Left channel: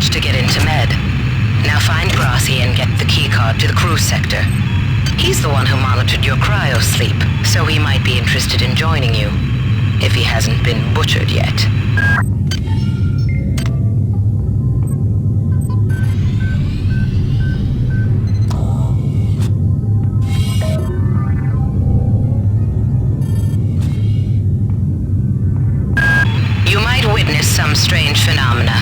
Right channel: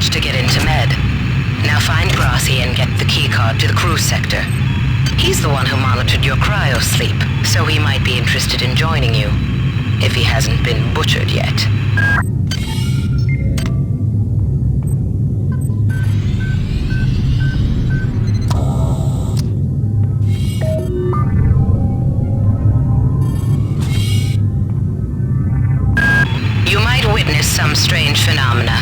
managed to get into Med. Now find Grassi and get the keycard to the cruise sector. He's the one who monitored your cryo-sleep, so he might be interested in joining you, if he hasn't been butchered yet. You might witness some strange phenomena.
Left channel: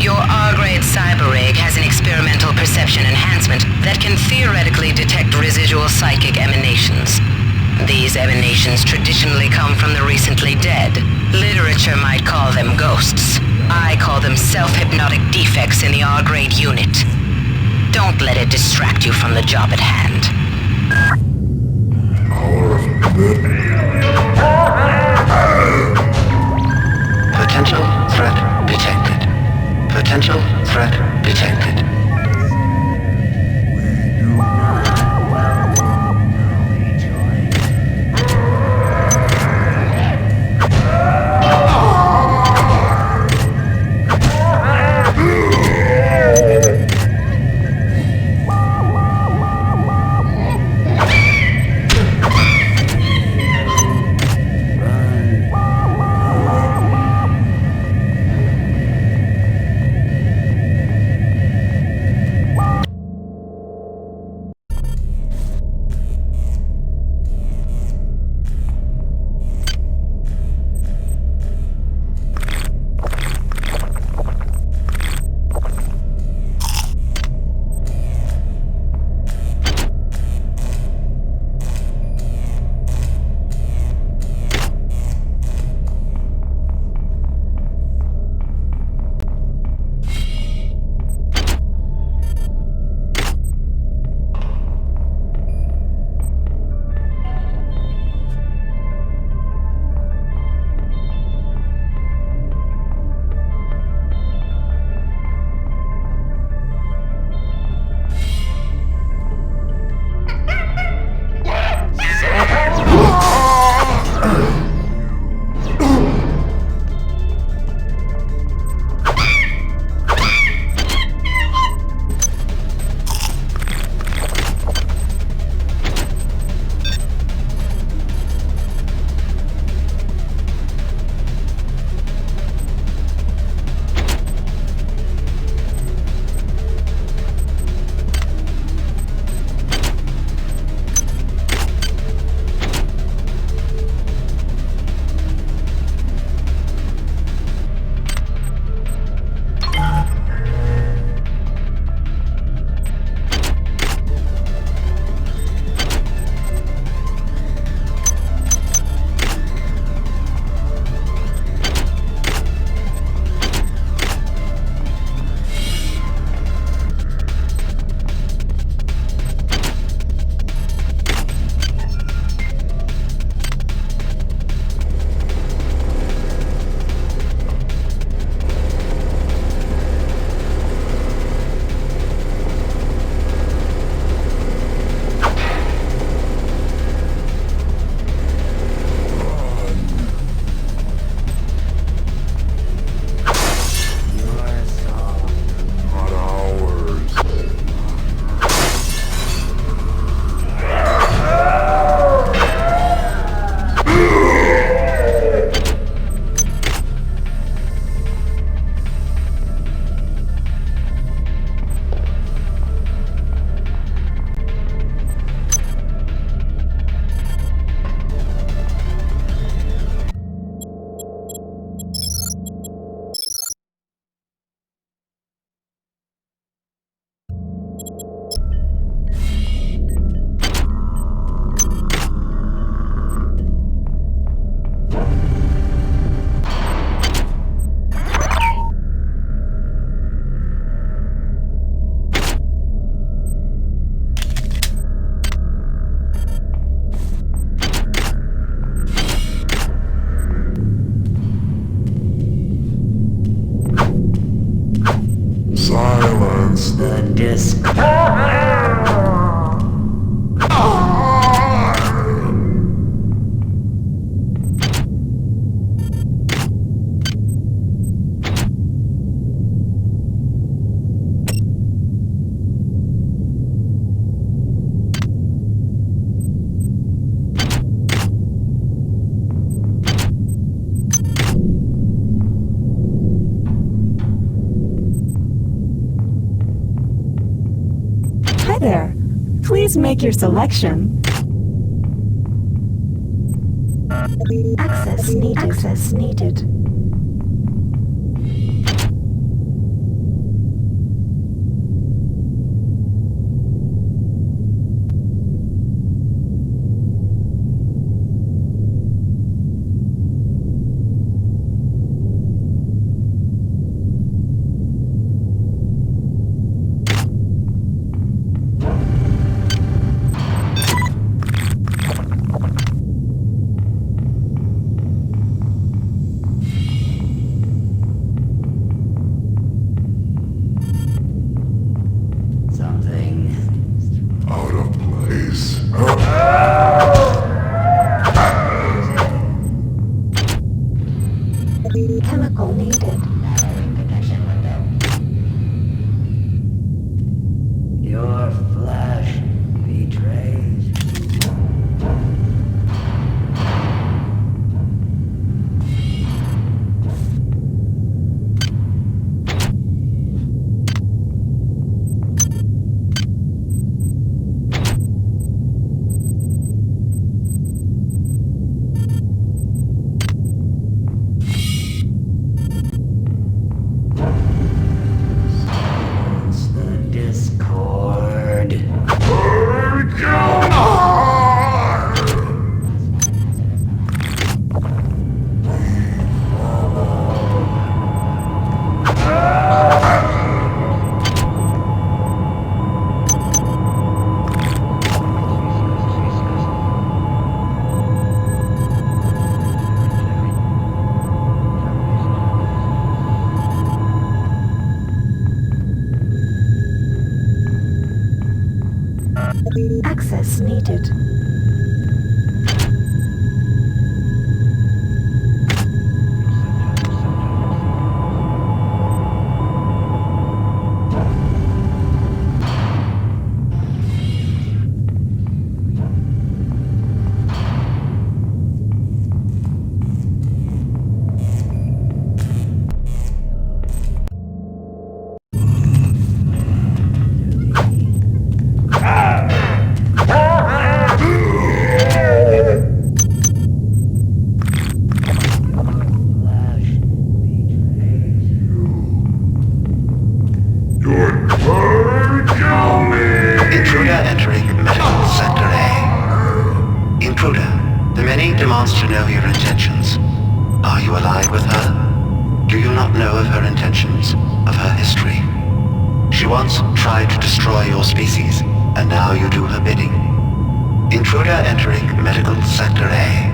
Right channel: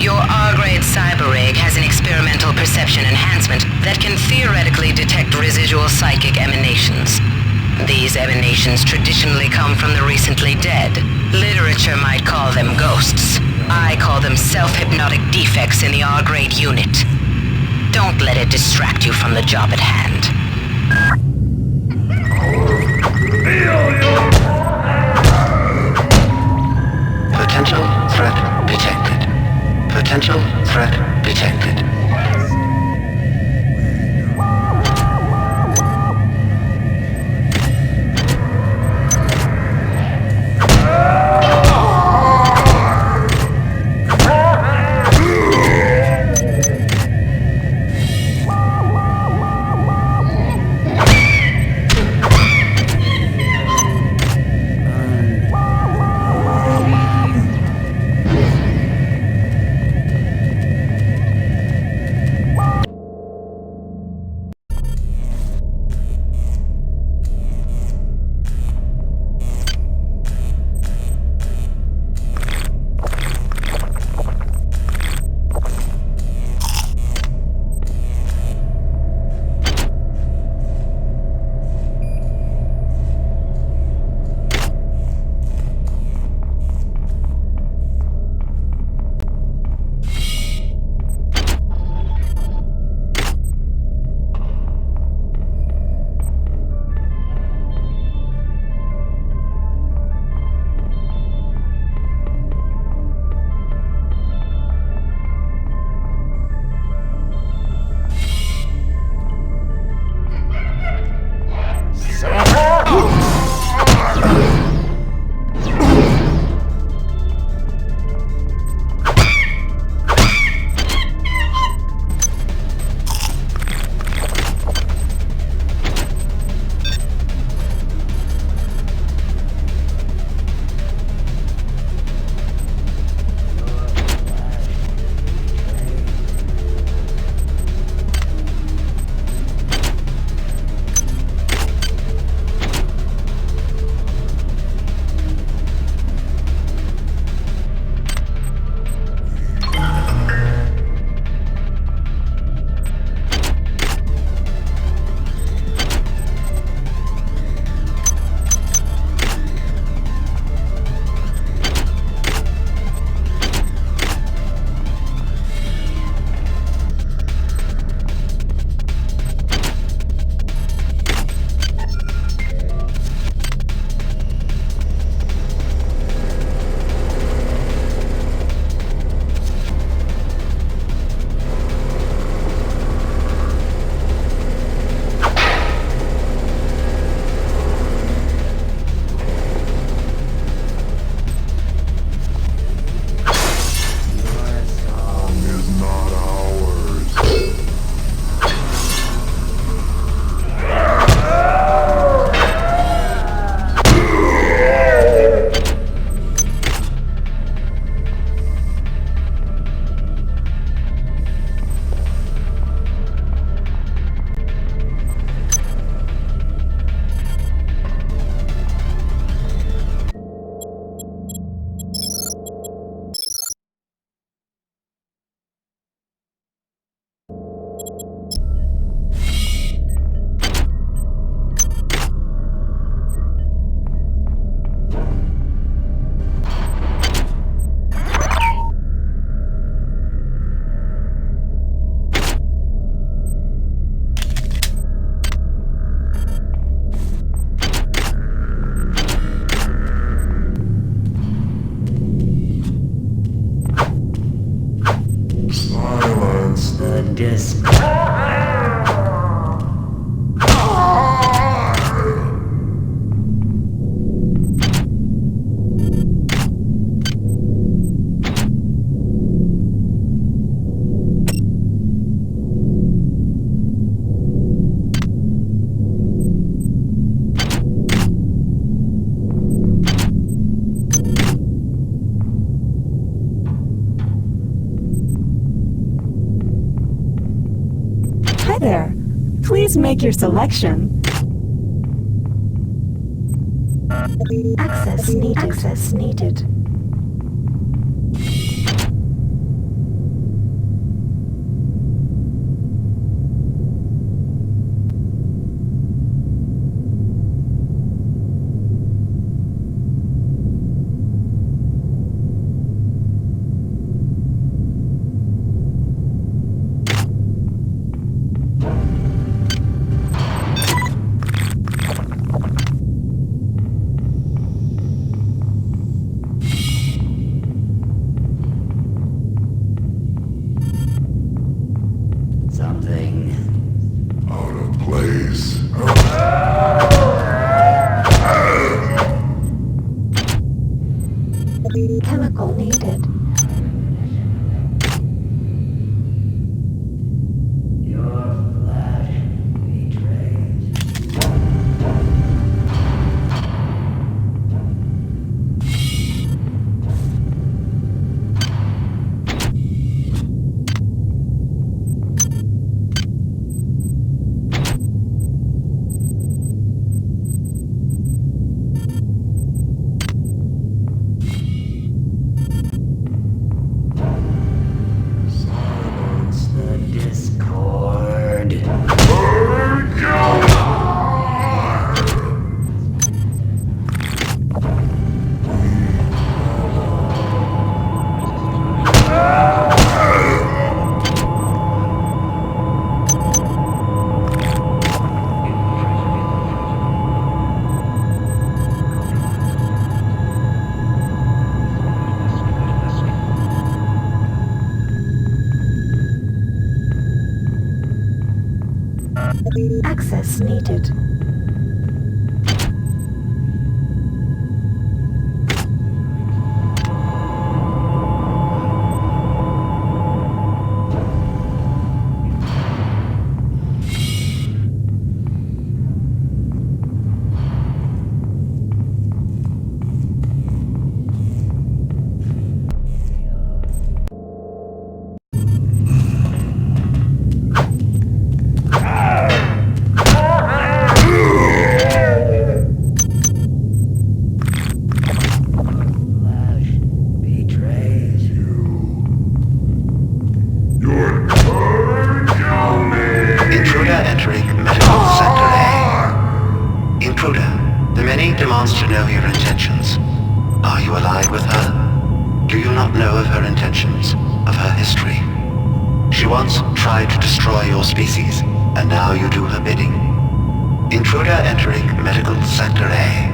Your R-grade cyber rig has an experimental perception enhancement that can theoretically detect residual psychic emanations. These emanations traditionally come from the recently dead. Literature might call them ghosts. I call them self-hypnotic defects in the R-grade unit. Don't let it distract you from the job at hand. Potential threat detected. Potential threat detected. Silence the disc. there. Please make your selection. Access needed. Access needed. Something out of place. Chemical needed. Your flesh betrays. Silence the discord. Access needed. Flesh betrays. You're trying to kill me! Intruder entering Medical Sector A. Intruder, the many demands to know your intentions. Are you allied with her? Do you not know of her intentions, of her history? She once tried to destroy your species, and now you do her bidding. Intruder entering Medical Sector A.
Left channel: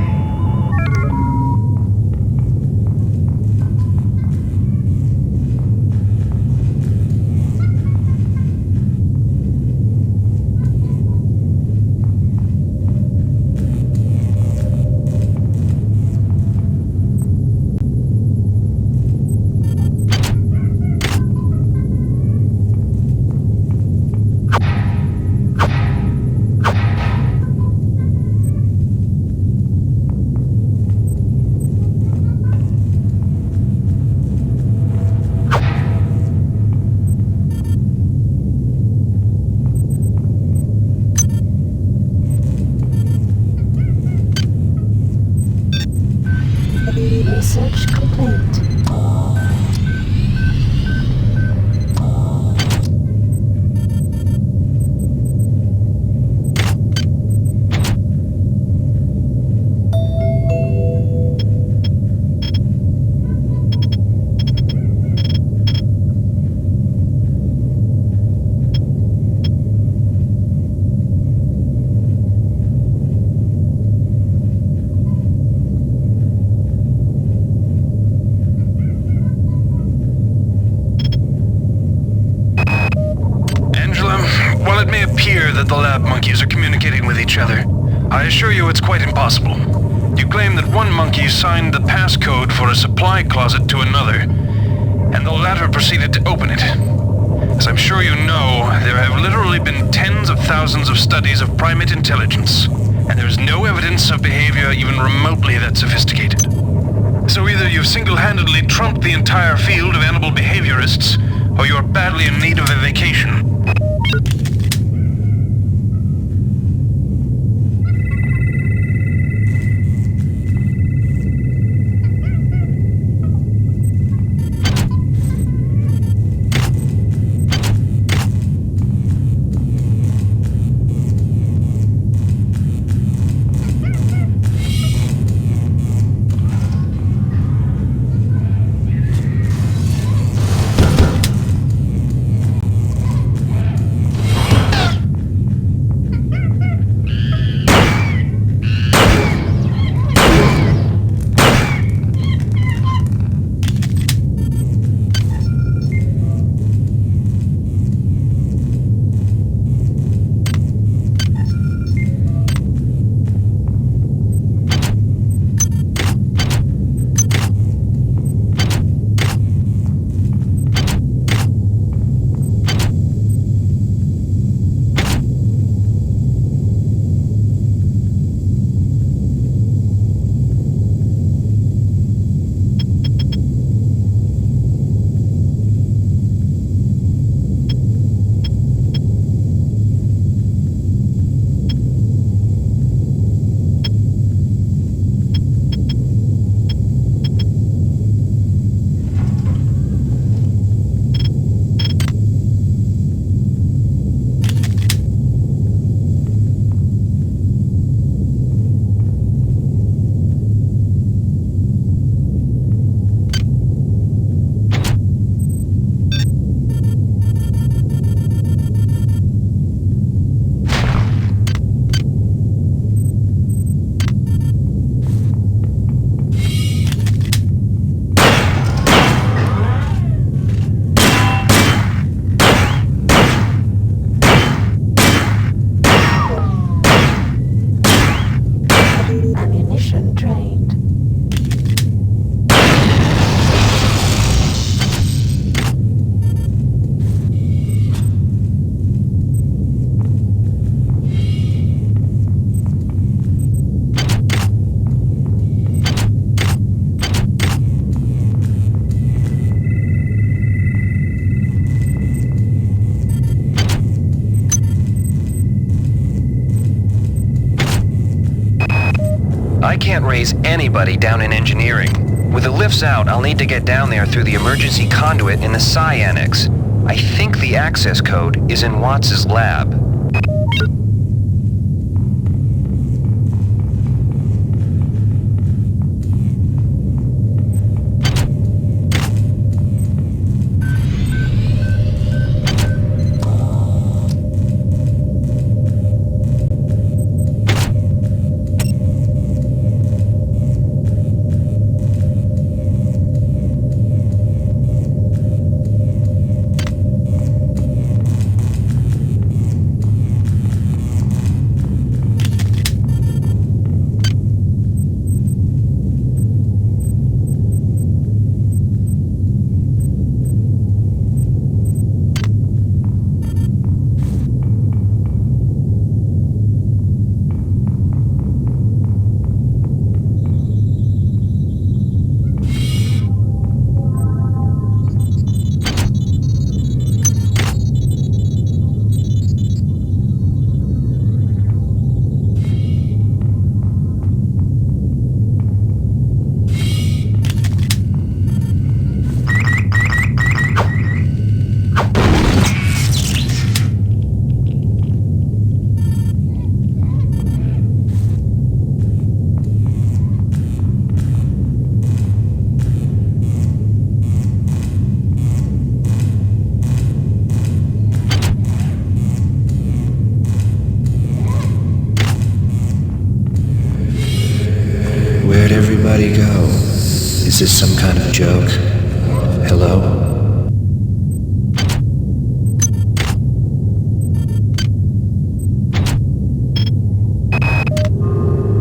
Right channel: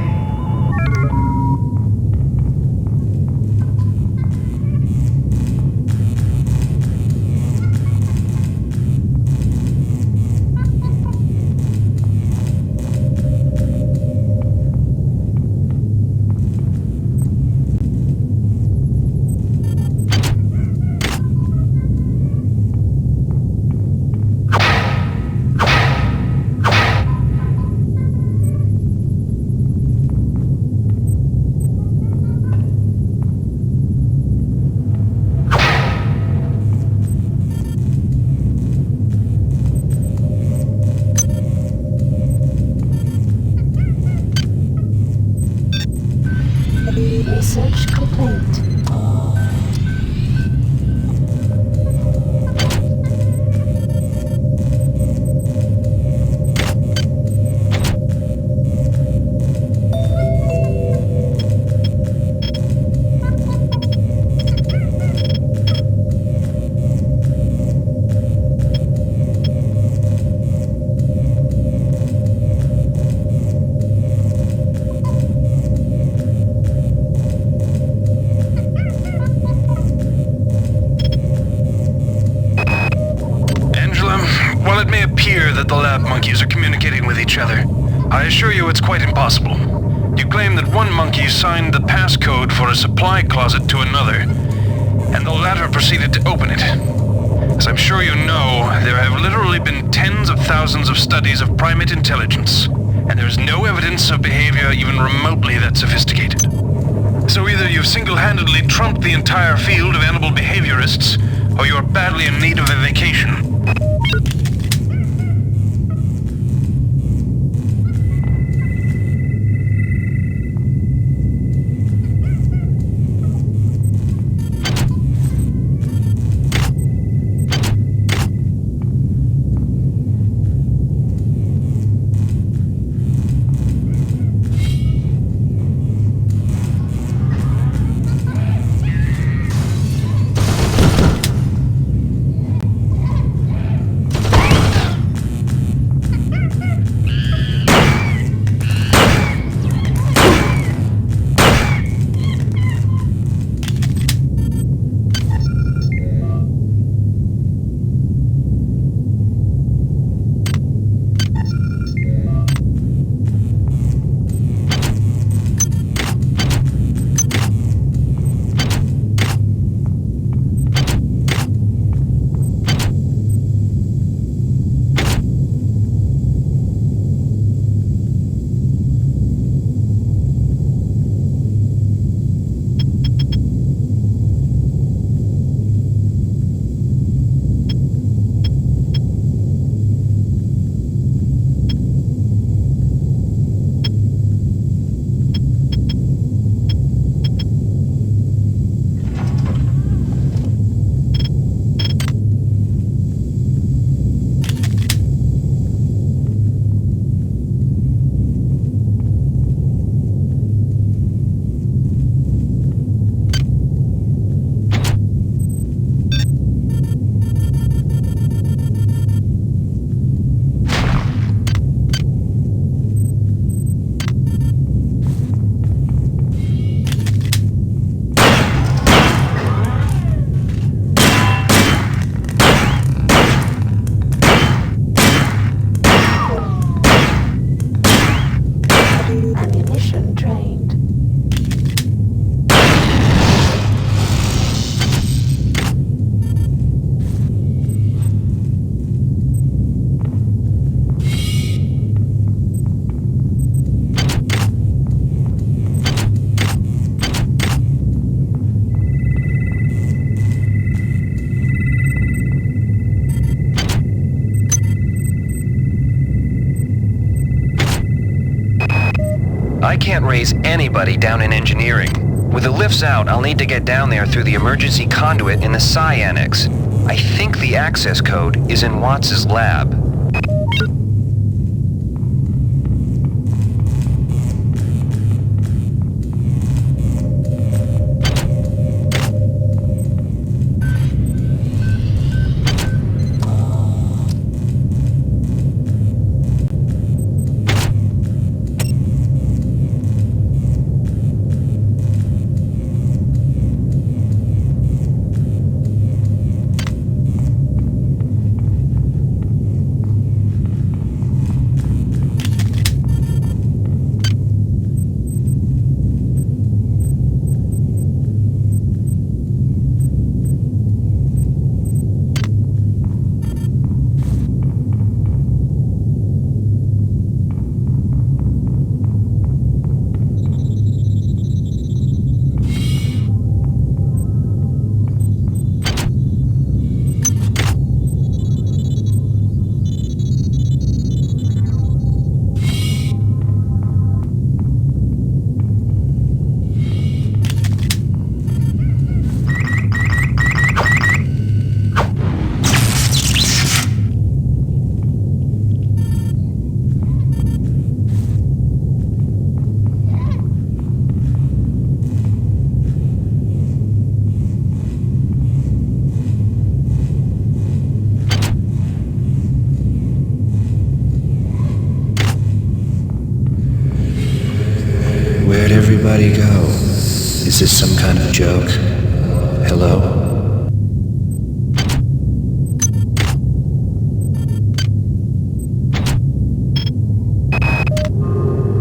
Research complete. While it may appear that the lab monkeys are communicating with each other, I assure you it's quite impossible. You claim that one monkey signed the passcode for a supply closet to another, and the latter proceeded to open it. As I'm sure you know, there have literally been tens of thousands of studies of primate intelligence, and there's no evidence of behavior even remotely that sophisticated. So either you've single-handedly trumped the entire field of animal behaviorists, or you're badly in need of a vacation. I can't raise anybody down in engineering. With the lifts out, I'll need to get down there through the emergency conduit in the Psi Annex. I think the access code is in Watts' lab. Where'd everybody go? Is this some kind of joke? Hello?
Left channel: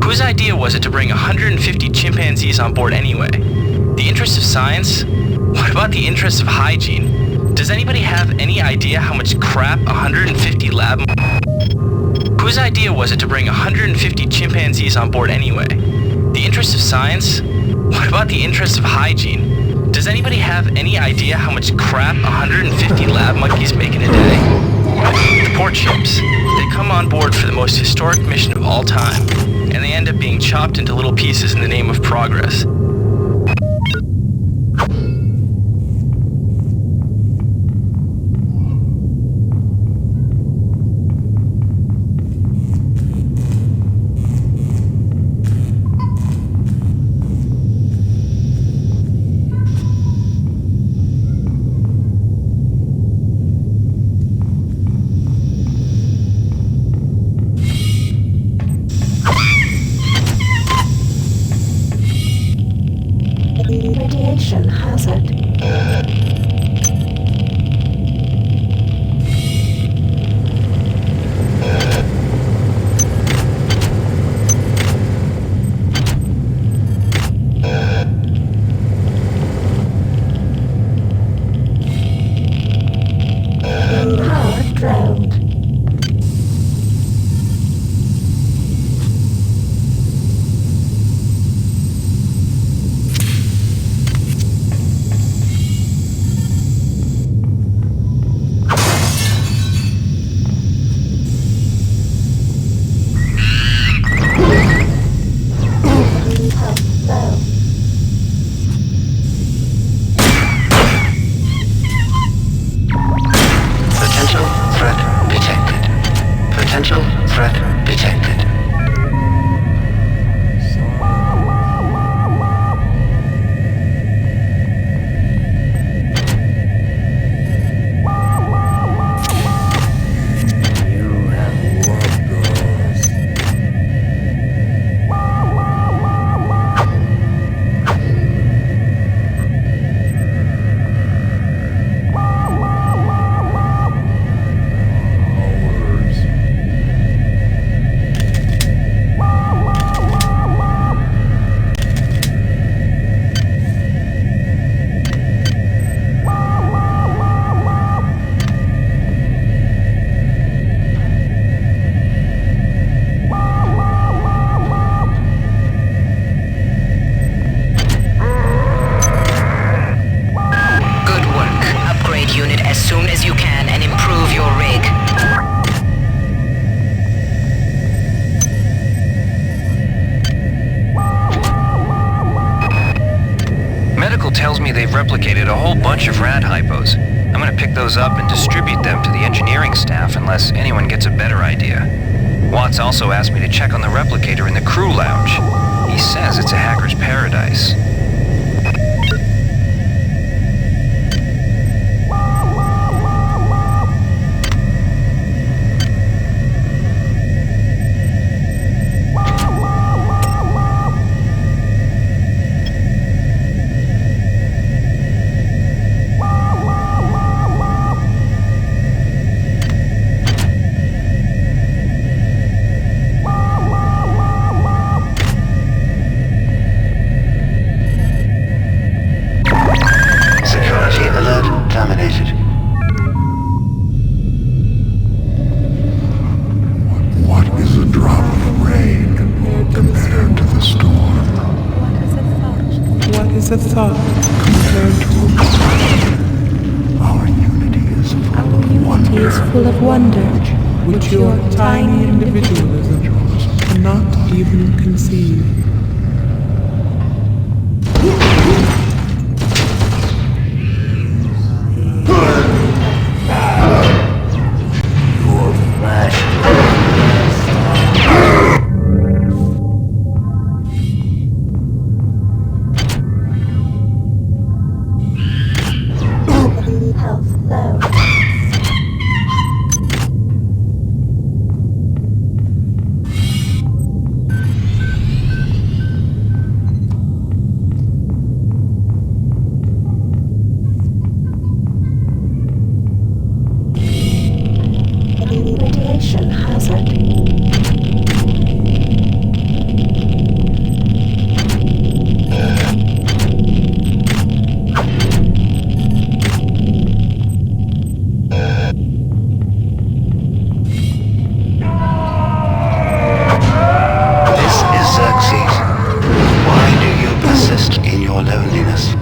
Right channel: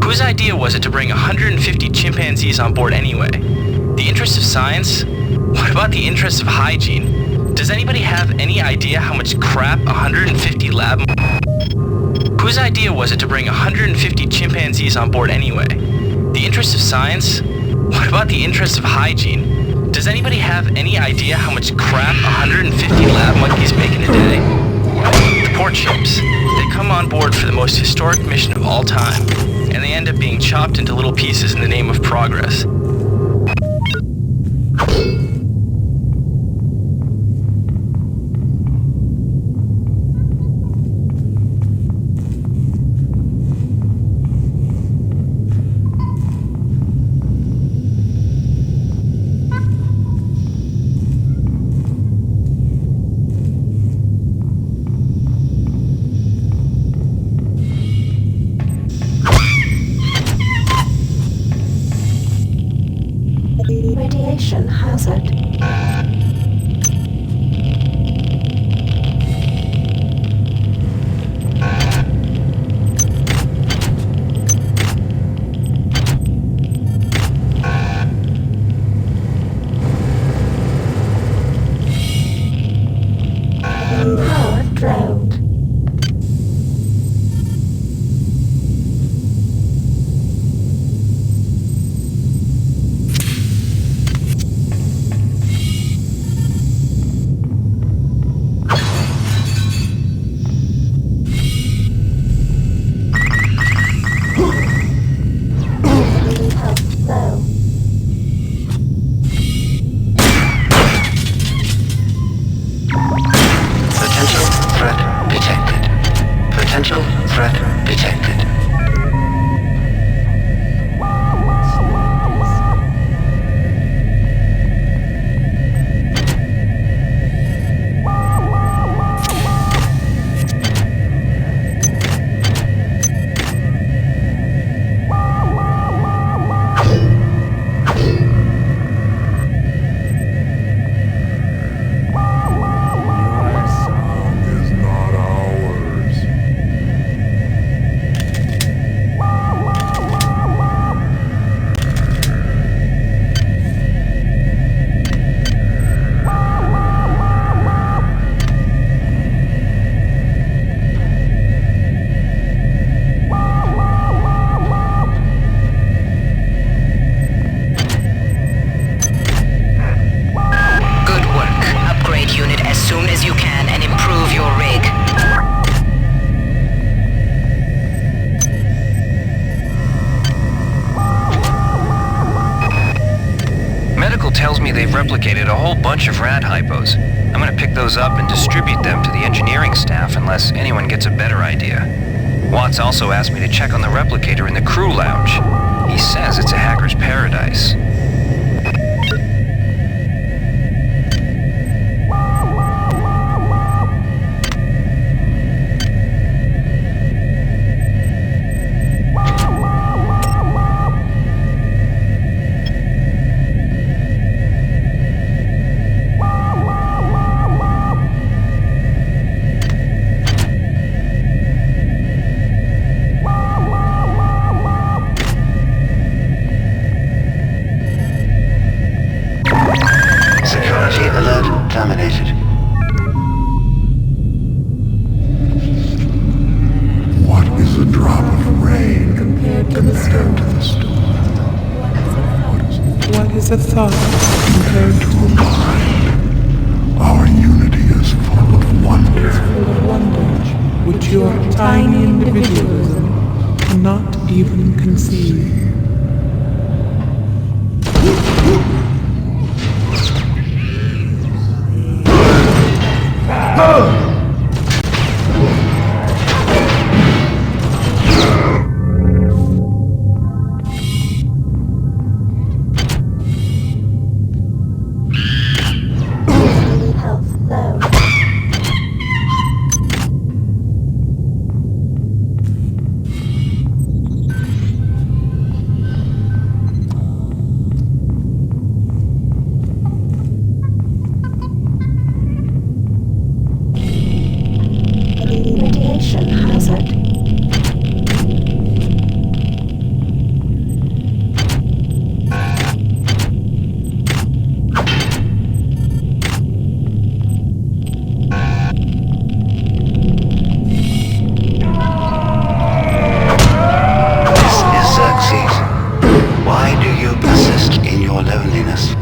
Whose idea was it to bring 150 chimpanzees on board anyway? The interest of science? What about the interest of hygiene? Does anybody have any idea how much crap 150 lab... Whose idea was it to bring 150 chimpanzees on board anyway? The interest of science? What about the interest of hygiene? Does anybody have any idea how much crap 150 lab monkeys make in a day? The poor chimps. They come on board for the most historic mission of all time, and they end up being chopped into little pieces in the name of progress. Radiation hazard. Power drowned. Potential threat detected. Potential threat detected. Unit as soon as you can and improve your rig. Medical tells me they've replicated a whole bunch of rad hypos. I'm gonna pick those up and distribute them to the engineering staff unless anyone gets a better idea. Watts also asked me to check on the replicator in the crew lounge. He says it's a hacker's paradise. Terminated. What is a drop of rain compared to the storm? What is a thought compared to a mind? Our unity is full of wonder. Full of wonder, which your tiny individualism cannot even conceive. Radiation hazard. This is Xerxes. Why do you persist in your loneliness?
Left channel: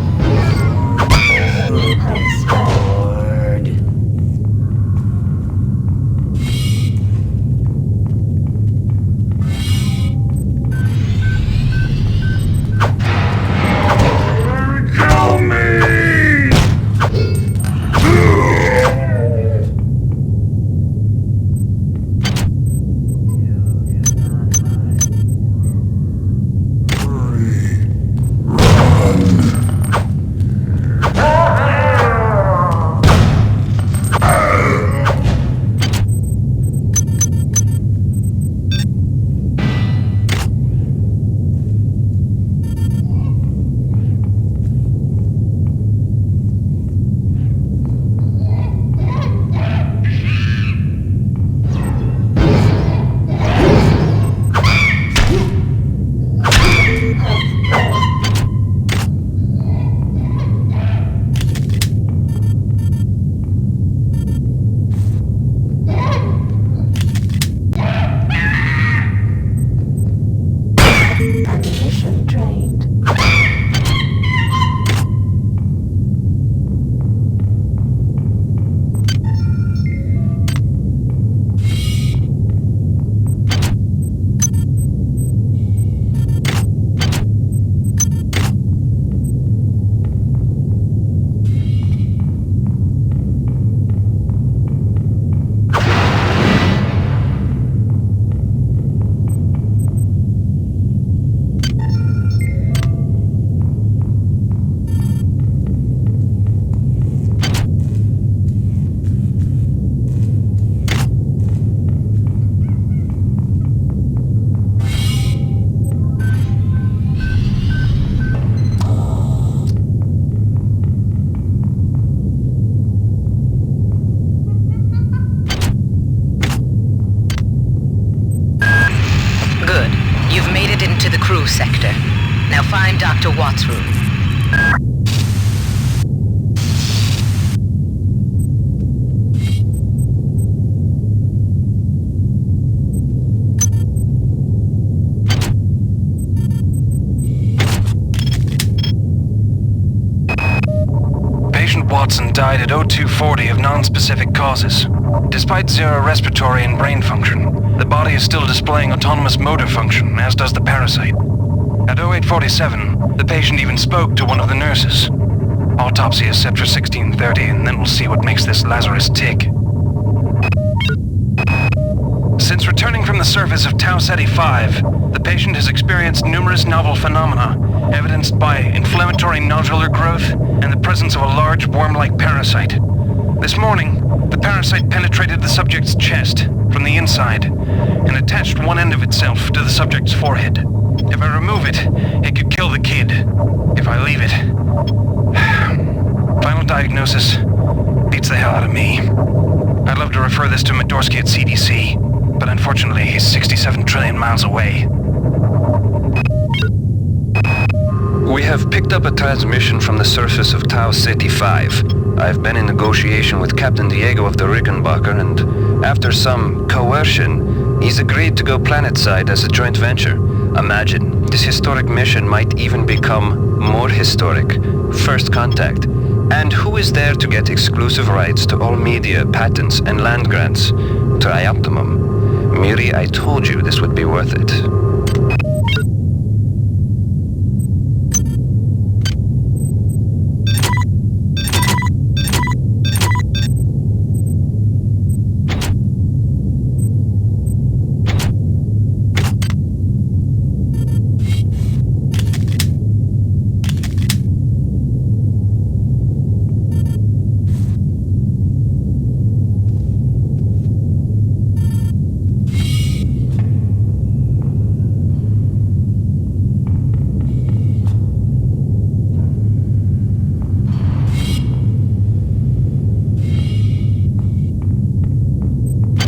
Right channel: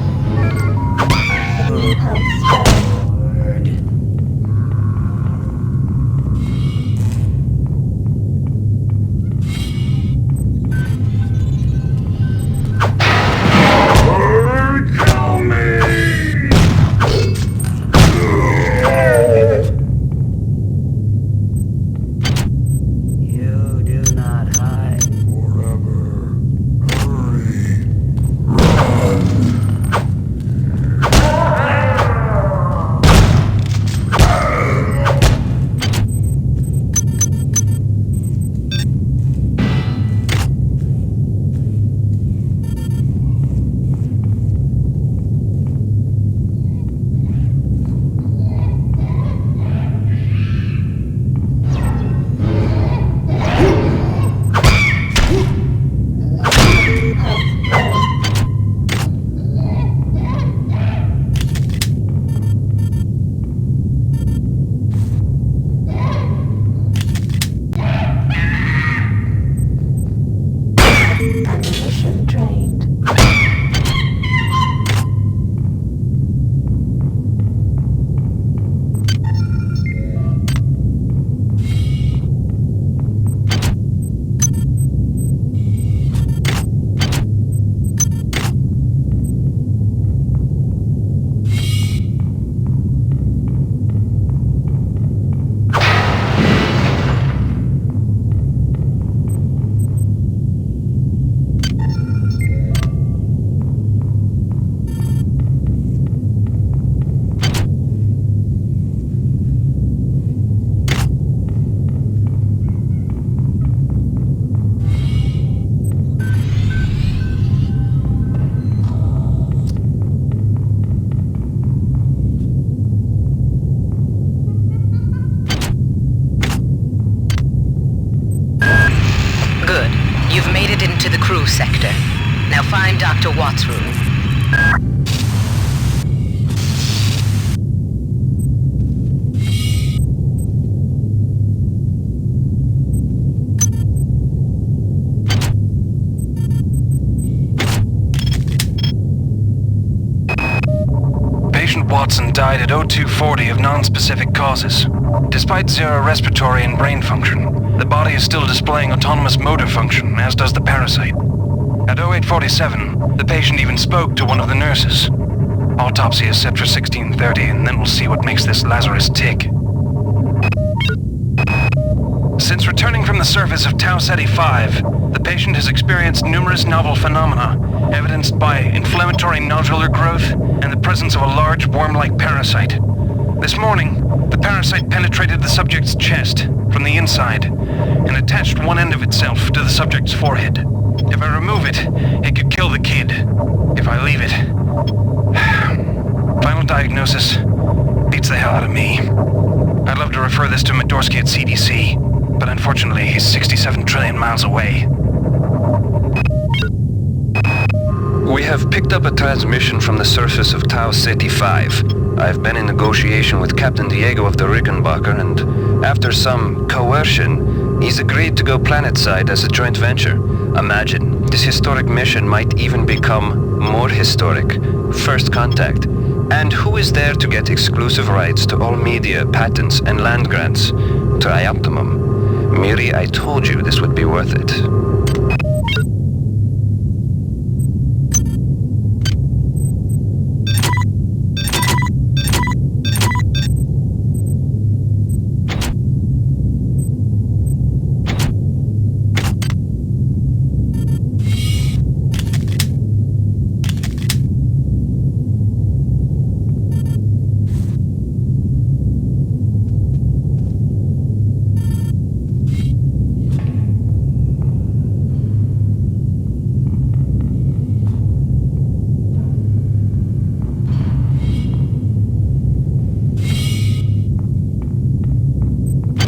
Kill me! You do not hide. Forever. Hurry. Run. Ammunition drained. Good. You've made it into the crew sector. Now find Dr. Watts' room. Patient Watson died at 0240 of non-specific causes. Despite zero respiratory and brain function, the body is still displaying autonomous motor function, as does the parasite. At 0847, the patient even spoke to one of the nurses. Autopsy is set for 16:30, and then we'll see what makes this Lazarus tick. Since returning from the surface of Tau Ceti 5, the patient has experienced numerous novel phenomena, evidenced by inflammatory nodular growth and the presence of a large worm-like parasite. This morning, the parasite penetrated the subject's chest from the inside and attached one end of itself to the subject's forehead. If I remove it, it could kill the kid. If I leave it... Final diagnosis beats the hell out of me. I'd love to refer this to Medorsky at CDC, but unfortunately he's 67 trillion miles away. We have picked up a transmission from the surface of Tau Ceti 5. I've been in negotiation with Captain Diego of the Rickenbacker, and after some coercion, he's agreed to go planetside as a joint venture. Imagine, this historic mission might even become more historic. First contact. And who is there to get exclusive rights to all media, patents, and land grants? Trioptimum. Miri, I told you this would be worth it.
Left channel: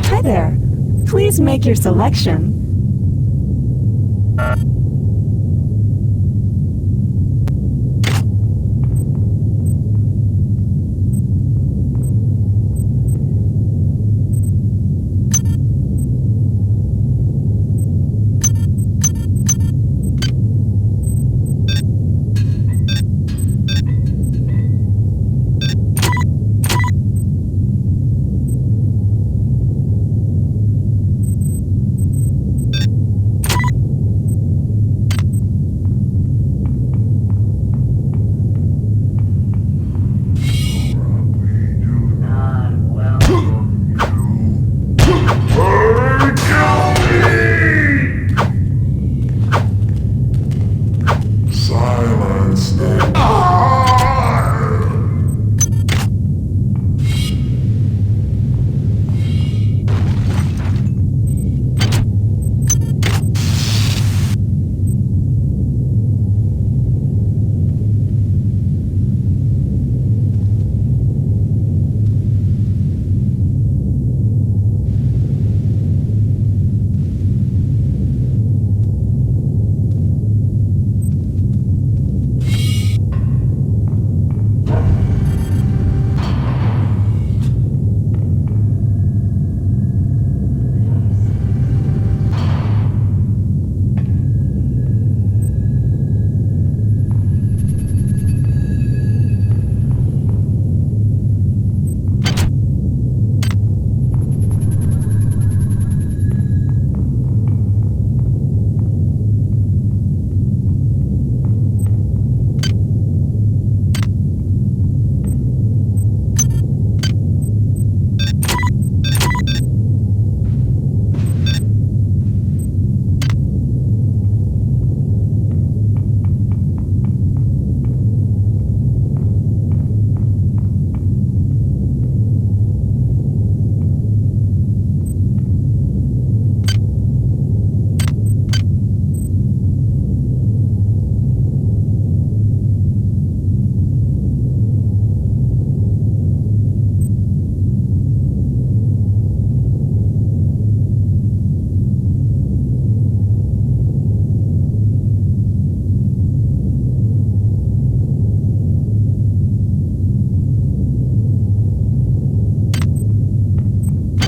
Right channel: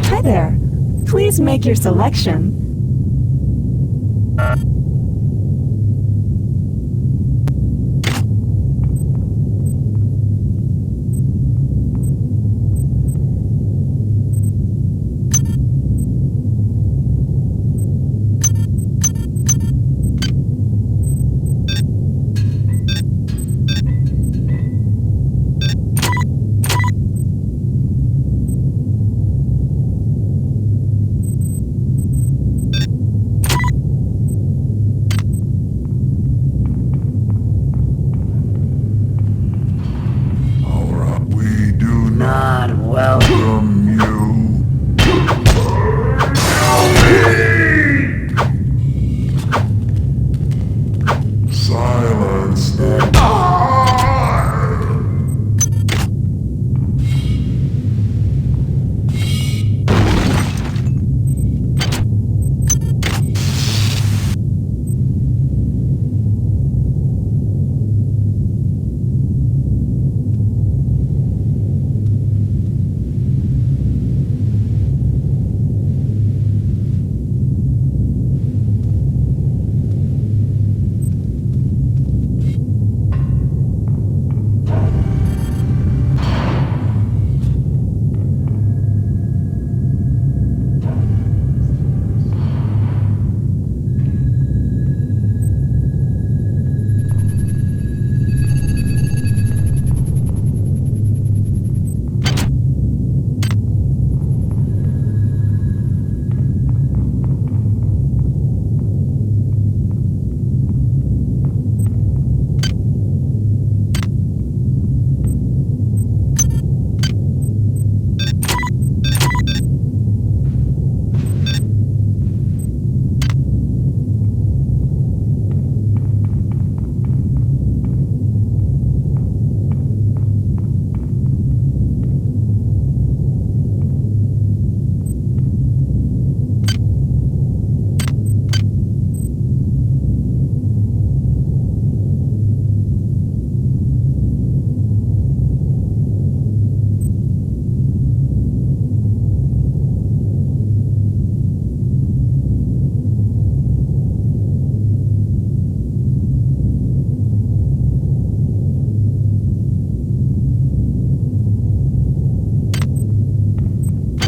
Hi there. Please make your selection. Not welcome. Silence them.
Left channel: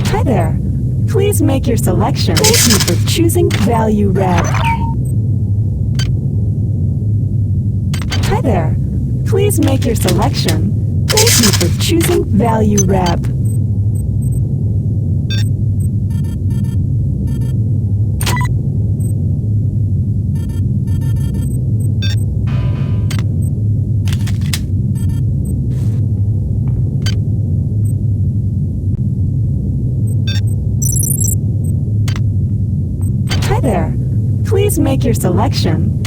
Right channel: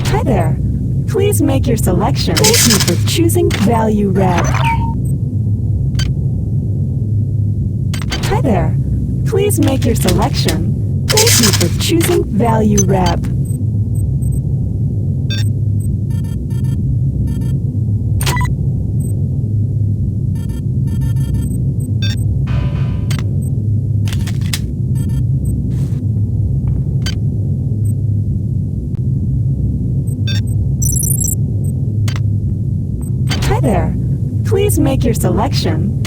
Hi there. Please make your selection. Thank you for choosing Value Rep. Hi there. Please make your selection. Thank you for choosing Value Rep. there. Please make your selection.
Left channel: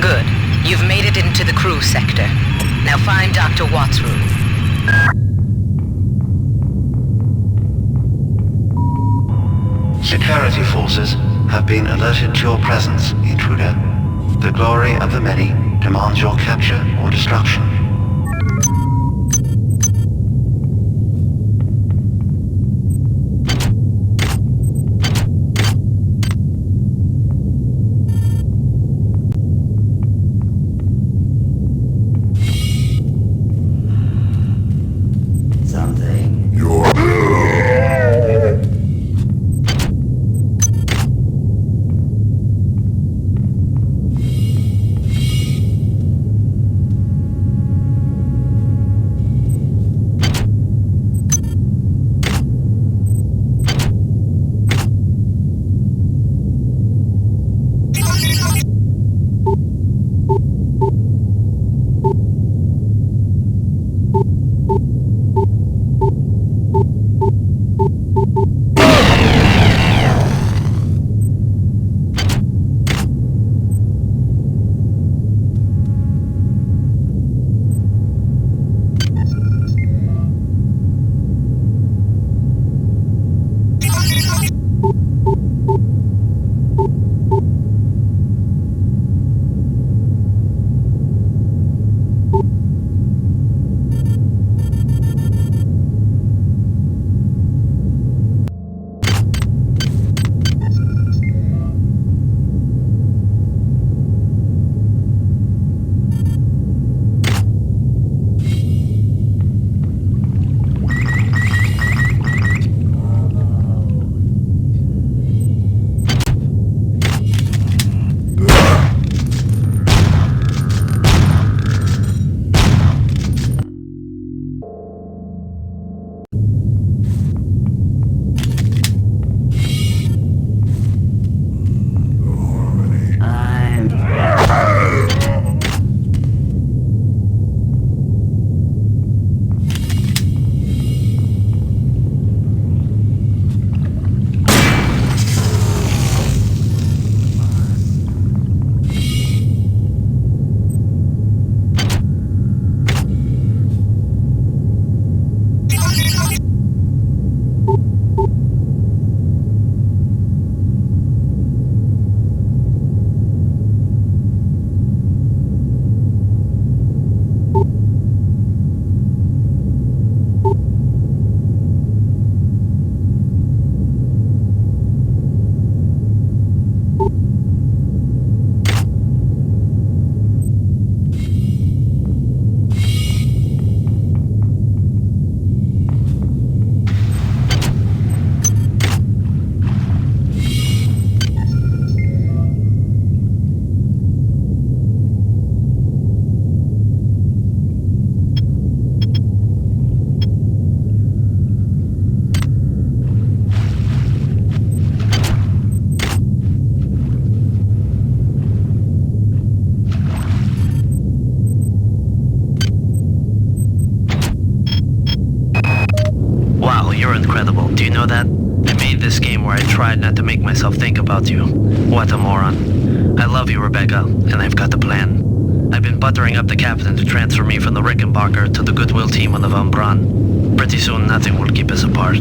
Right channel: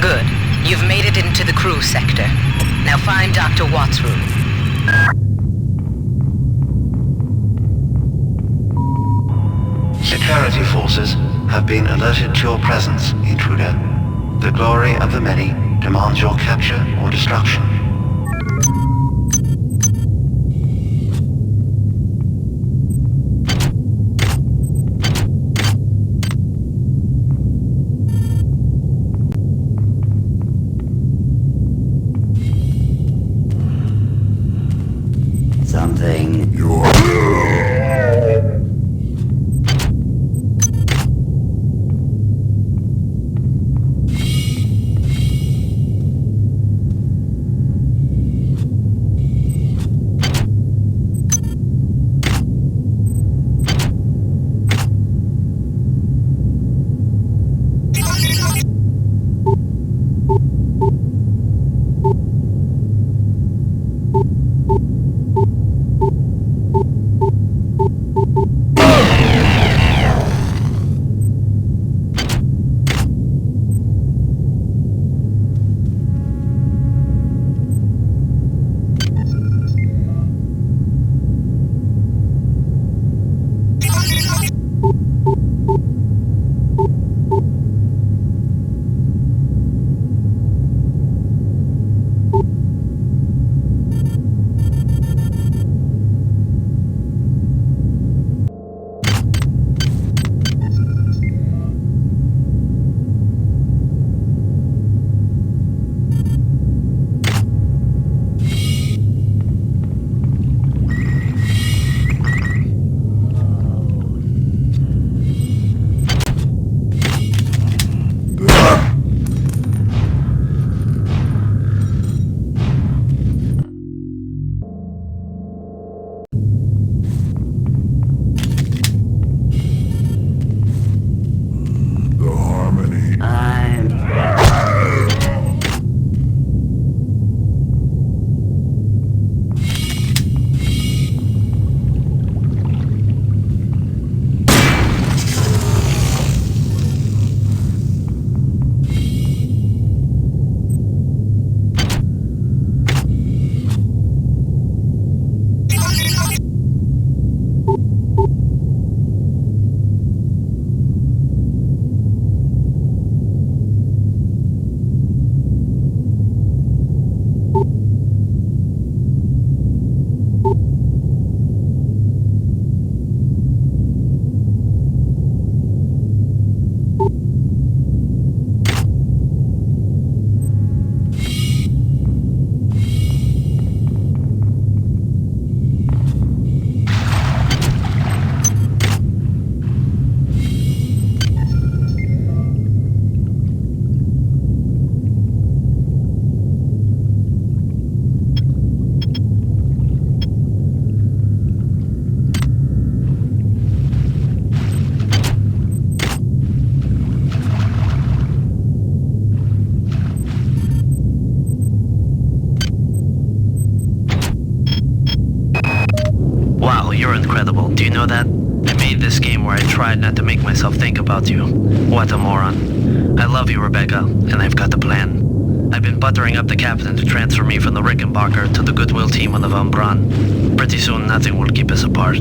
Good. You've made it into the crew sector. Now find Dr. Watt's room. Security forces have been alerted to your presence, intruder. The glory of the many demands your capture or destruction. Something. Wow, you're incredible. Do you know that? I made this game where I tried not to make myself think about you. What a moron. I love you, Rebecca, and I've got the plan. I've been buttering up the captain to transfer me from the Rickenbacker to the Goodwill team on the Von Braun. Pretty soon, nothing will keep us apart.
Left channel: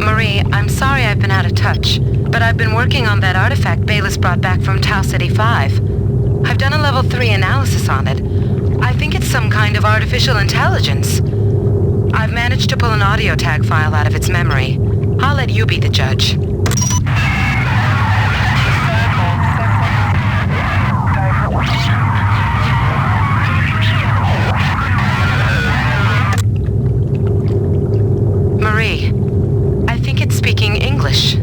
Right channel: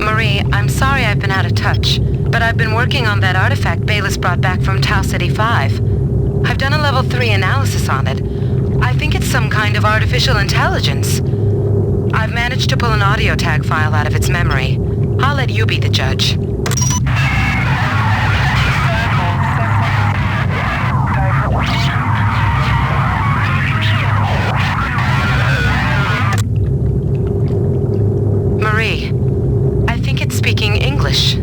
Marie, I'm sorry I've been out of touch, but I've been working on that artifact Bayliss brought back from Tau City 5. I've done a level 3 analysis on it. I think it's some kind of artificial intelligence. I've managed to pull an audio tag file out of its memory. I'll let you be the judge. Marie, I think it's speaking English.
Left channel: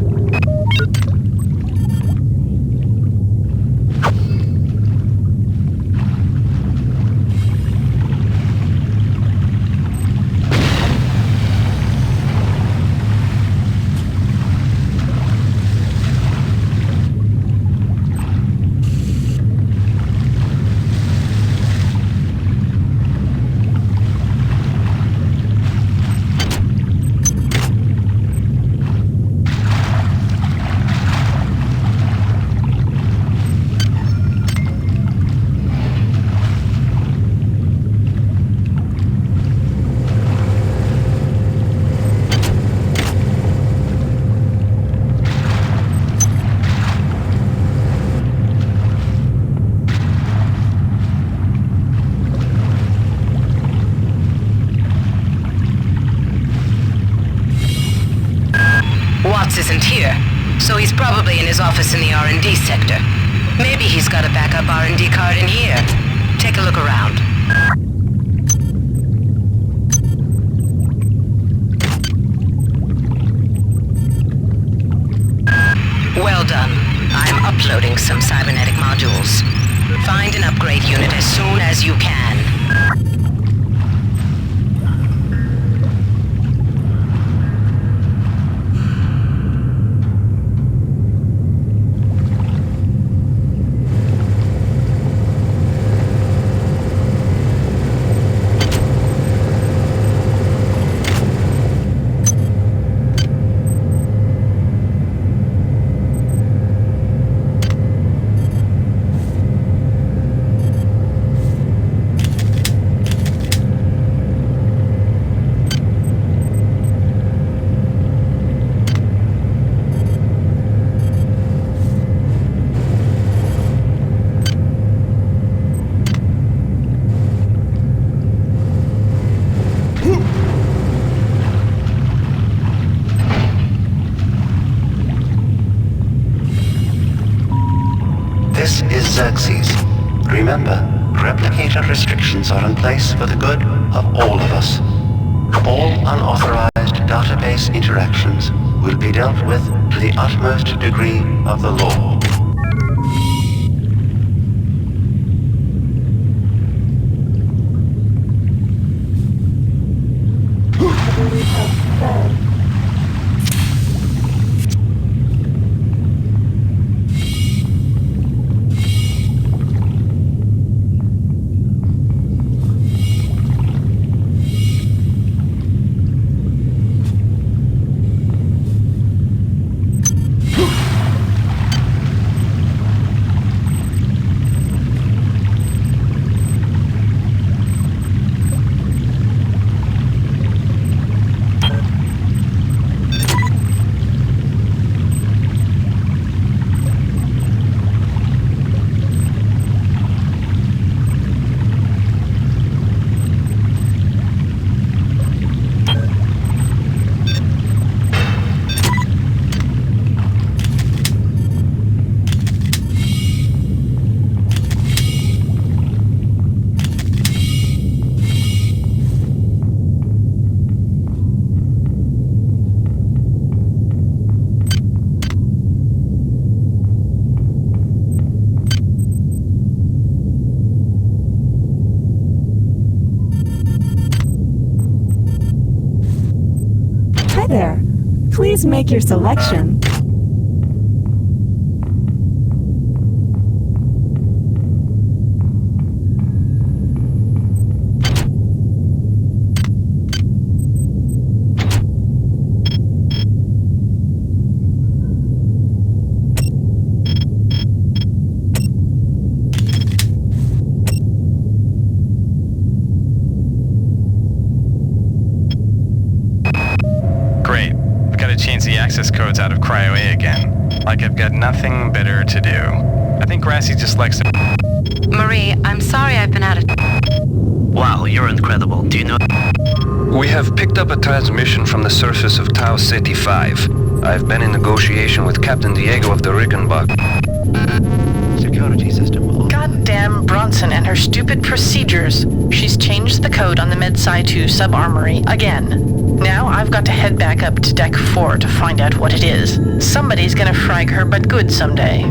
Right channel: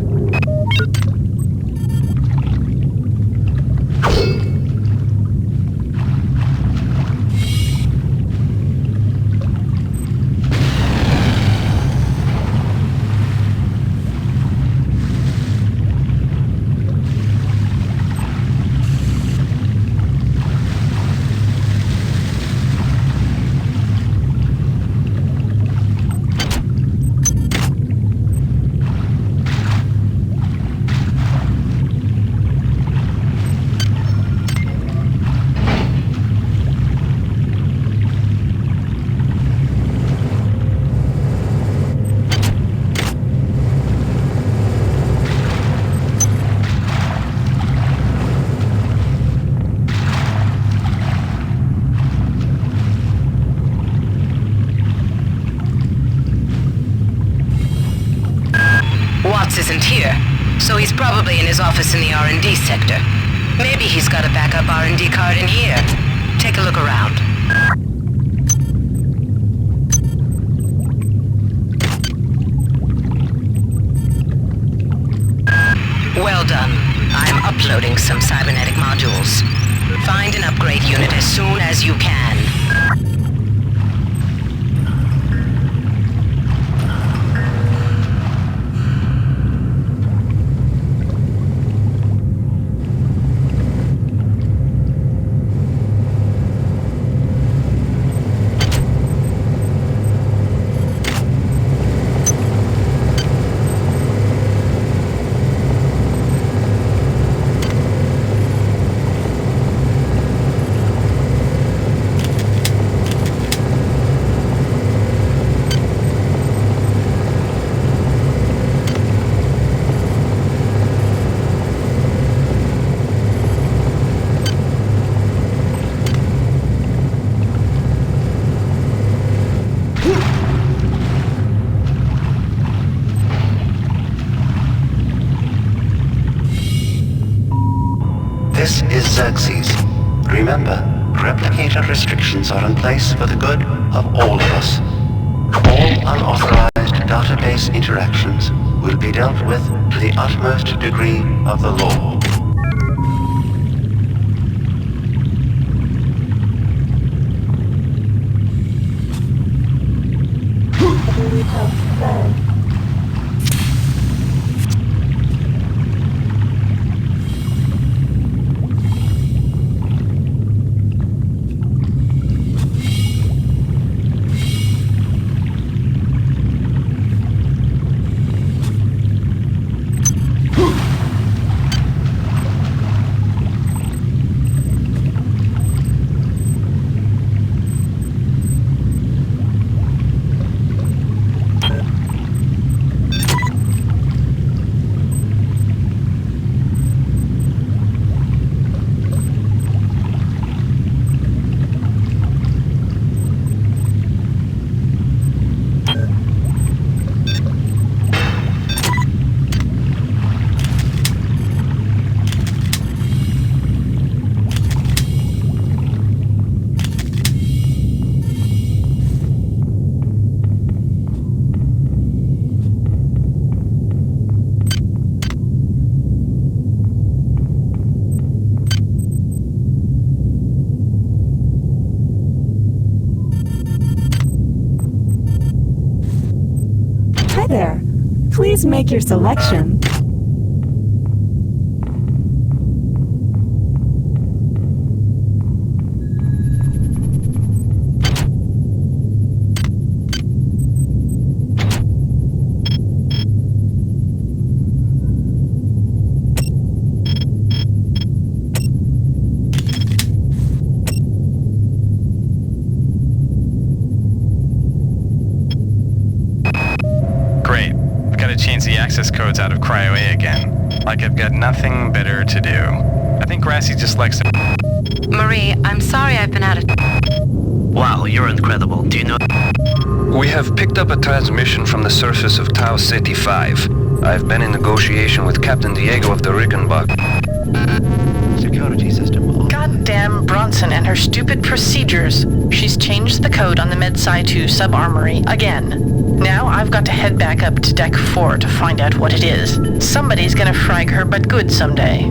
Watts isn't here, so he's probably in his office in the R&D sector. Maybe he's got a backup R&D card in here. Take a look around. Well done. I'm uploading some cybernetic modules. Find an upgrade unit as soon as you can. This is Xerxes. Remember, replicator restrictions are in place for the good of all of us. All unauthorized database interactions will be dealt with to the utmost degree of the law. Hi there. Please make your selection. Great. I've got to change the access codes out of Cryo A again. Like I've got nothing better to do. I think Grassy just likes to... Marie, I'm sorry I've been out of... Wow, you're incredible. Do you know... We have picked up a transmission from the surface of Tau Ceti 5. I've been in negotiation with Captain Diego of the Rickenbach. Security system. Goddamn Bronson and her stupid procedures. She's changed the code on the Med-Sci 2 sub-armory again. Now I've got to head back up to Deck 4 to find out what it is. Somebody's gonna frag her but good someday.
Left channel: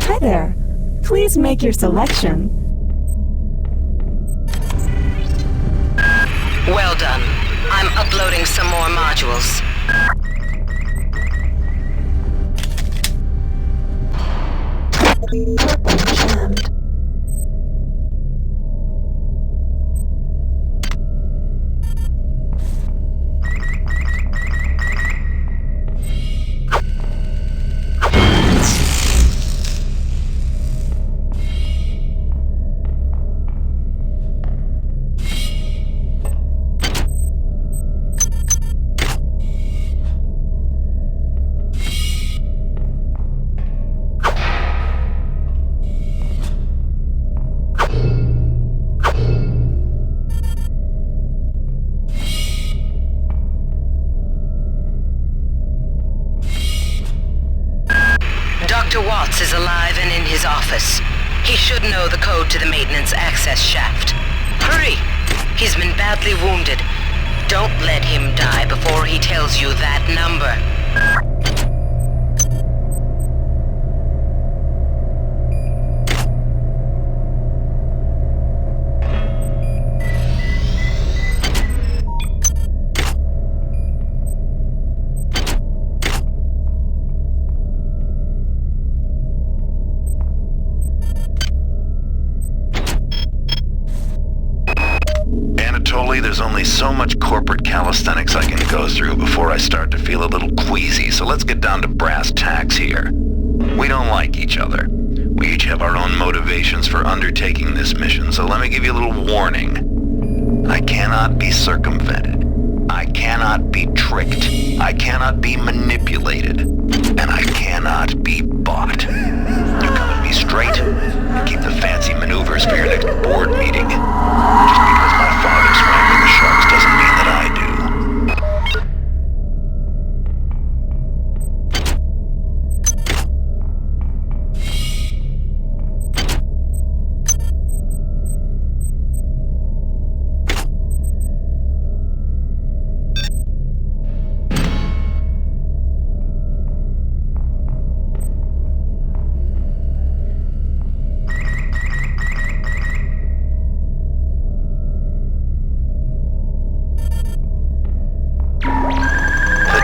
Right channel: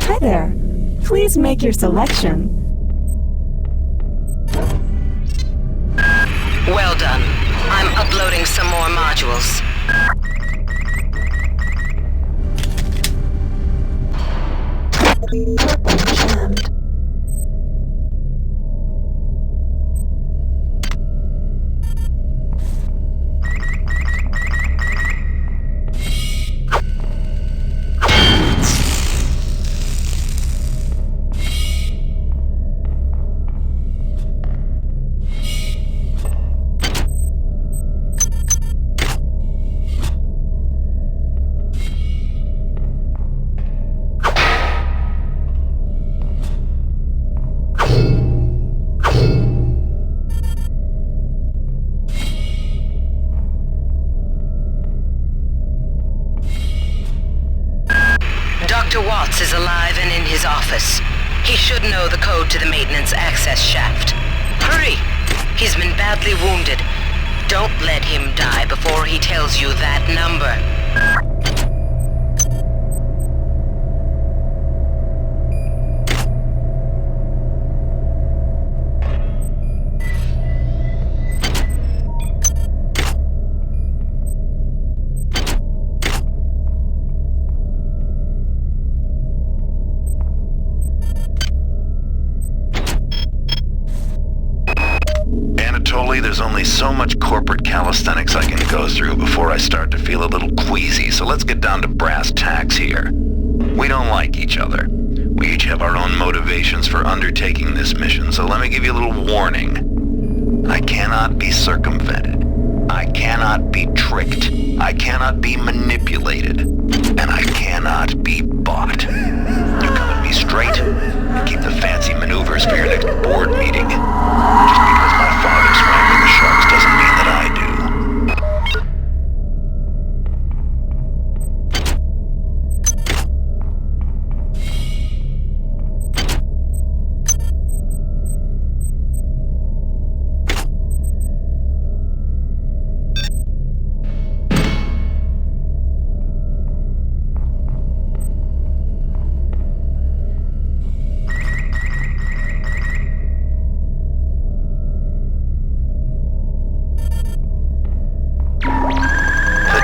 Hi there. Please make your selection. Well done. I'm uploading some more modules. Dr. Watts is alive and in his office. He should know the code to the maintenance access shaft. Hurry! He's been badly wounded. Don't let him die before he tells you that number. There's only so much corporate calisthenics I can go through before I start to feel a little queasy, so let's get down to brass tacks here. We don't like each other. We each have our own motivations for undertaking this mission, so let me give you a little warning. I cannot be circumvented. I cannot be tricked. I cannot be manipulated. And I cannot be bought. You come at me straight, and keep the fancy maneuvers for your next board meeting. Just because my father swam with the sharks doesn't mean that I do.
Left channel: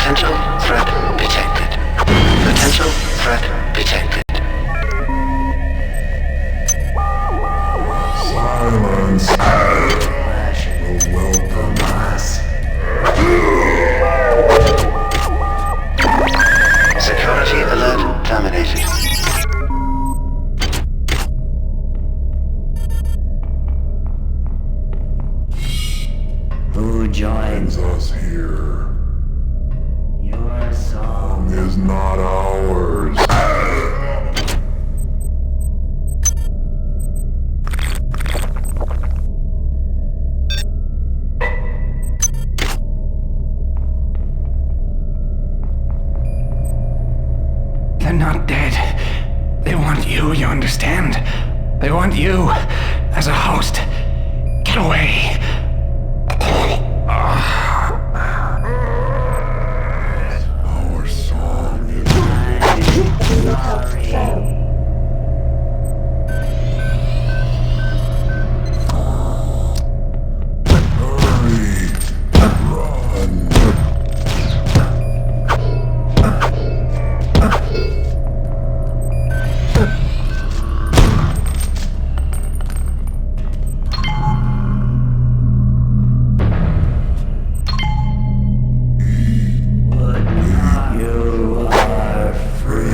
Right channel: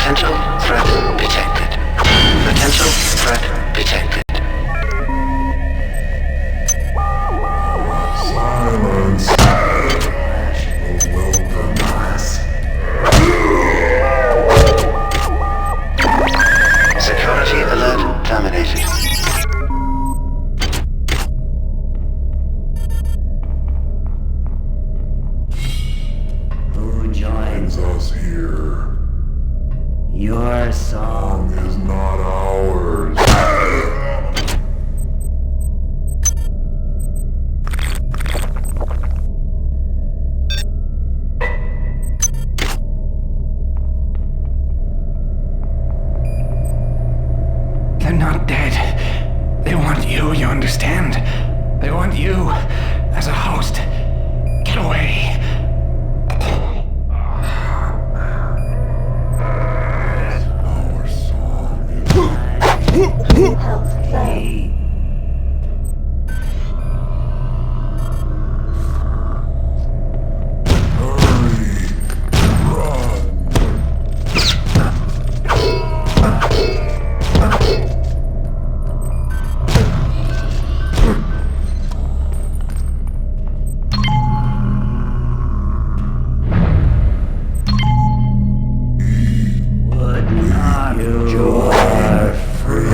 Potential threat detected. Potential threat detected. Silence. Flash will welcome us. Security alert terminated. Who joins us here? Your song is not ours. They're not dead. They want you understand? They want you as a host. Get away. Our song is free.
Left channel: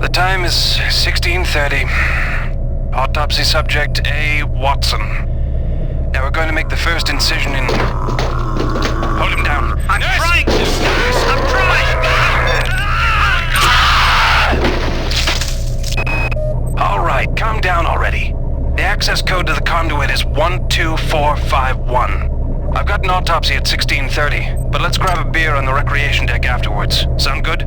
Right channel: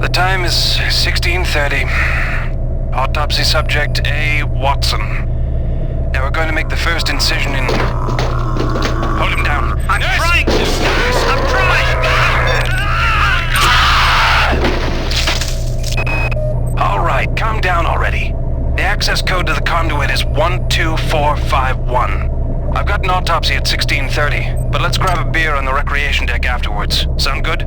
The time is 16:30. Autopsy subject A. Watson. Now we're going to make the first incision in... Hold him down. I'm trying to, Stas! I'm trying! All right, calm down already. The access code to the conduit is 12451. I've got an autopsy at 16:30, but let's grab a beer on the recreation deck afterwards. Sound good?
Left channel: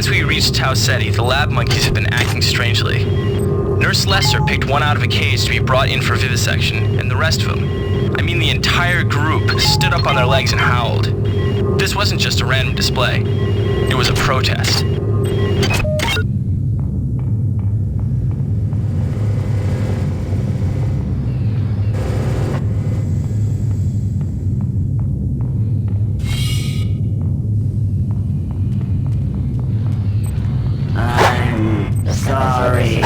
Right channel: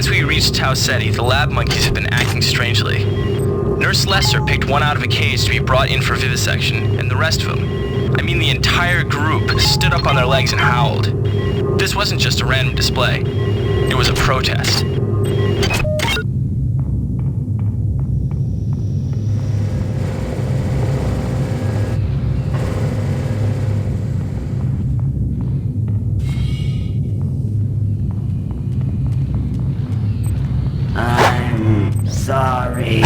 since we reached Tau Ceti, the lab monkeys have been acting strangely. Nurse Lester picked one out of a cage to be brought in for vivisection, and the rest of them, I mean the entire group, stood up on their legs and howled. This wasn't just a random display. It was a protest. I'm sorry.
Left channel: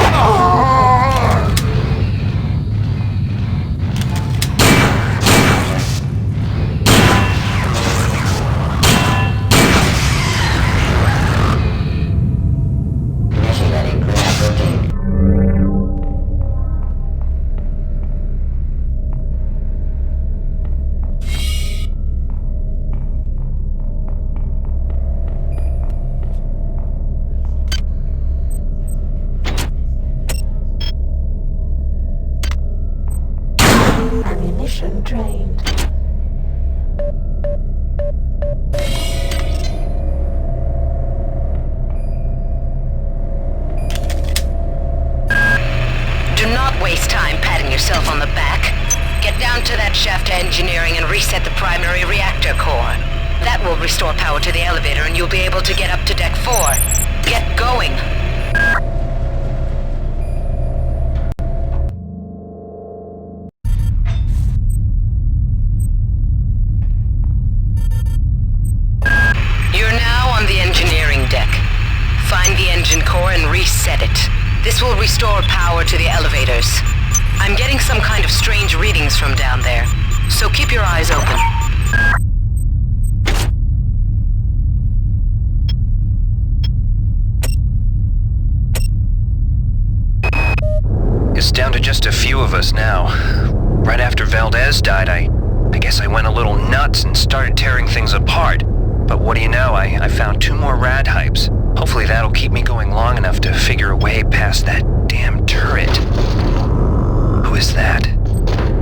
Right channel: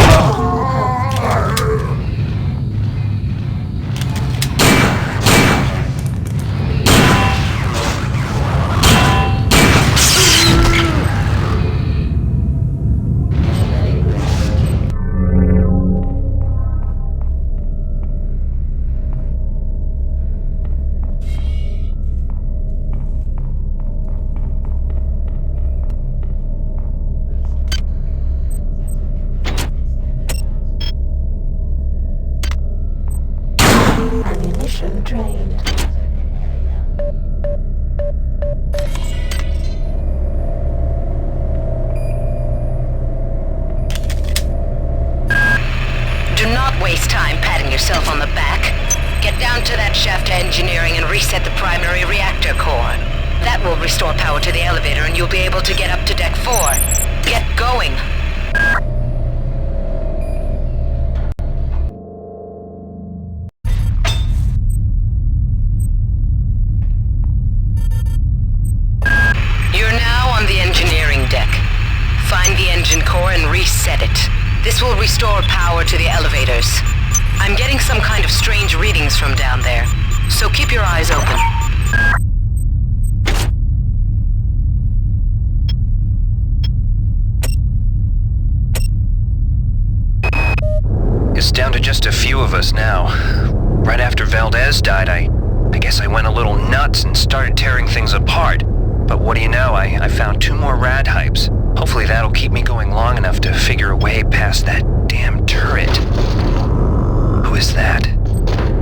Ammunition drained. Do not waste time patting yourself on the back. Get down to that shaft to engineering and reset the primary reactor core. That will restore power to the elevator and you'll be able to get up to Deck 4. Get going. You're now on the engineering deck. Find the engine core and reset it. This will restore power to the elevators. I'm getting some kind of strange readings from down there, so keep your eyes open. It's down to just a few of us now. Right after Valdez died, I guess I went a little nuts and started tearing things apart. But what do you know, I found 2 more rad hypes. Hopefully that'll keep me going long enough to figure a way past that damn turret. Who is that?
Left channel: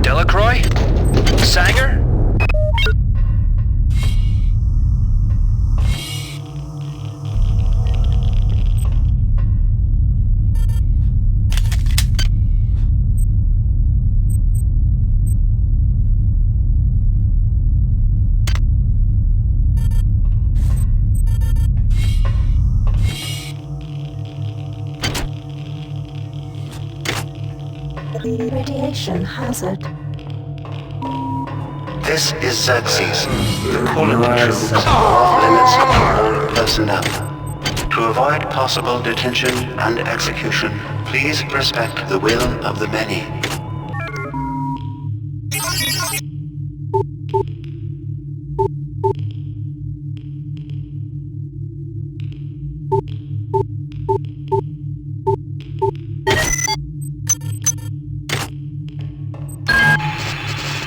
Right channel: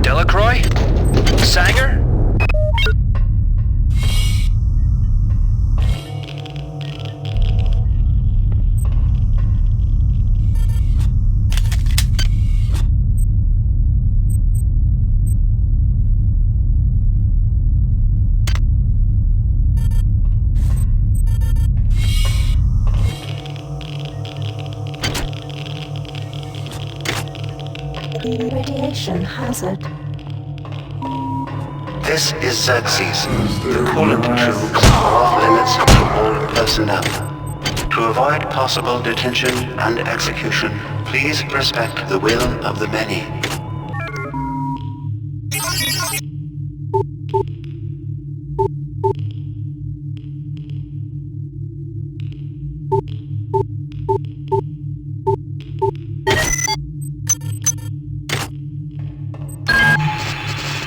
Delacroix? Sanger? Radiation hazard. This is Xerxes. The coolant tubes are off limits to all personnel. To avoid possible detention and execution, please respect the will of the many.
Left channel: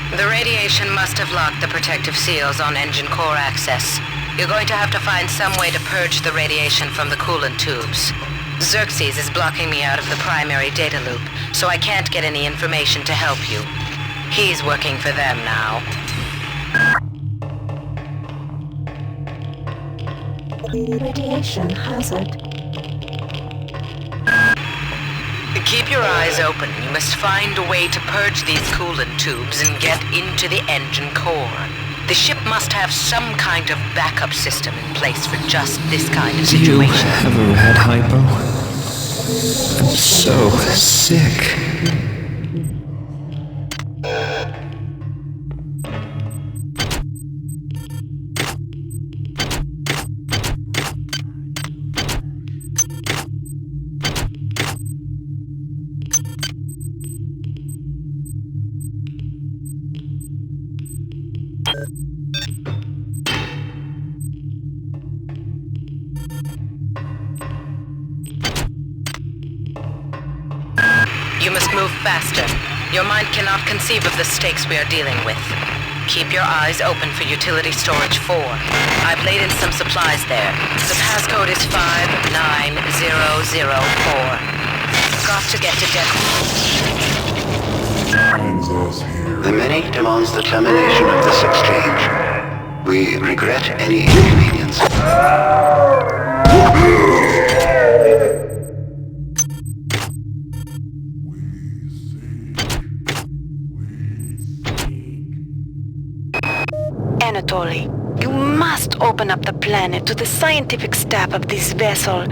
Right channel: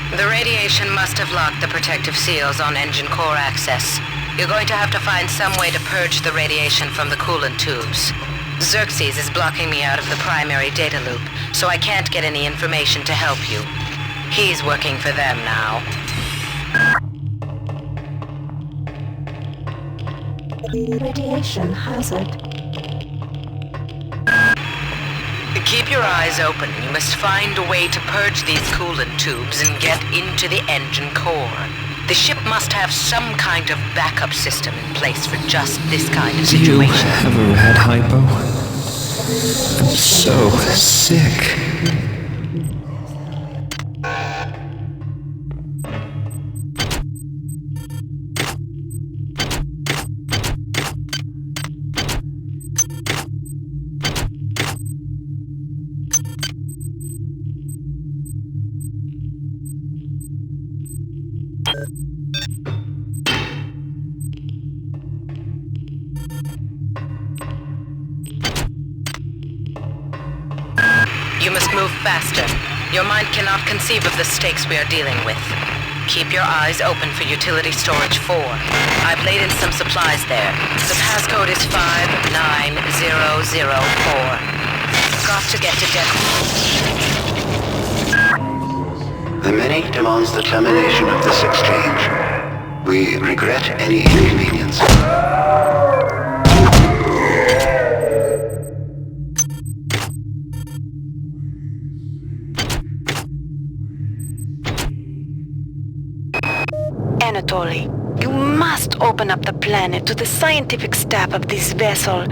The radiation must have locked the protective seals on engine core access. You're going to have to find some way to purge the radiation from the coolant tubes. Xerxes is blocking me out of the primary data loop, so I can't get any information to help you. He's working for them now. Radiation hazard. Keep your eyes open. You must find a way to purge these coolant tubes and get into the engine core. The ship must have some kind of backup system in place for just this kind of situation. Do you have a rad hypo? I'm so sick. You must move faster. Your mind cannot conceive of the stakes we are dealing with. Keep your eyes open for utility storage 4. I've laid in some supplies there. The passcode is 59004. Got to get to Deck. The many demands the termination of this exchange. We regret any inconvenience. Bartoli. You must open up the planet to the scientific staff of this vessel.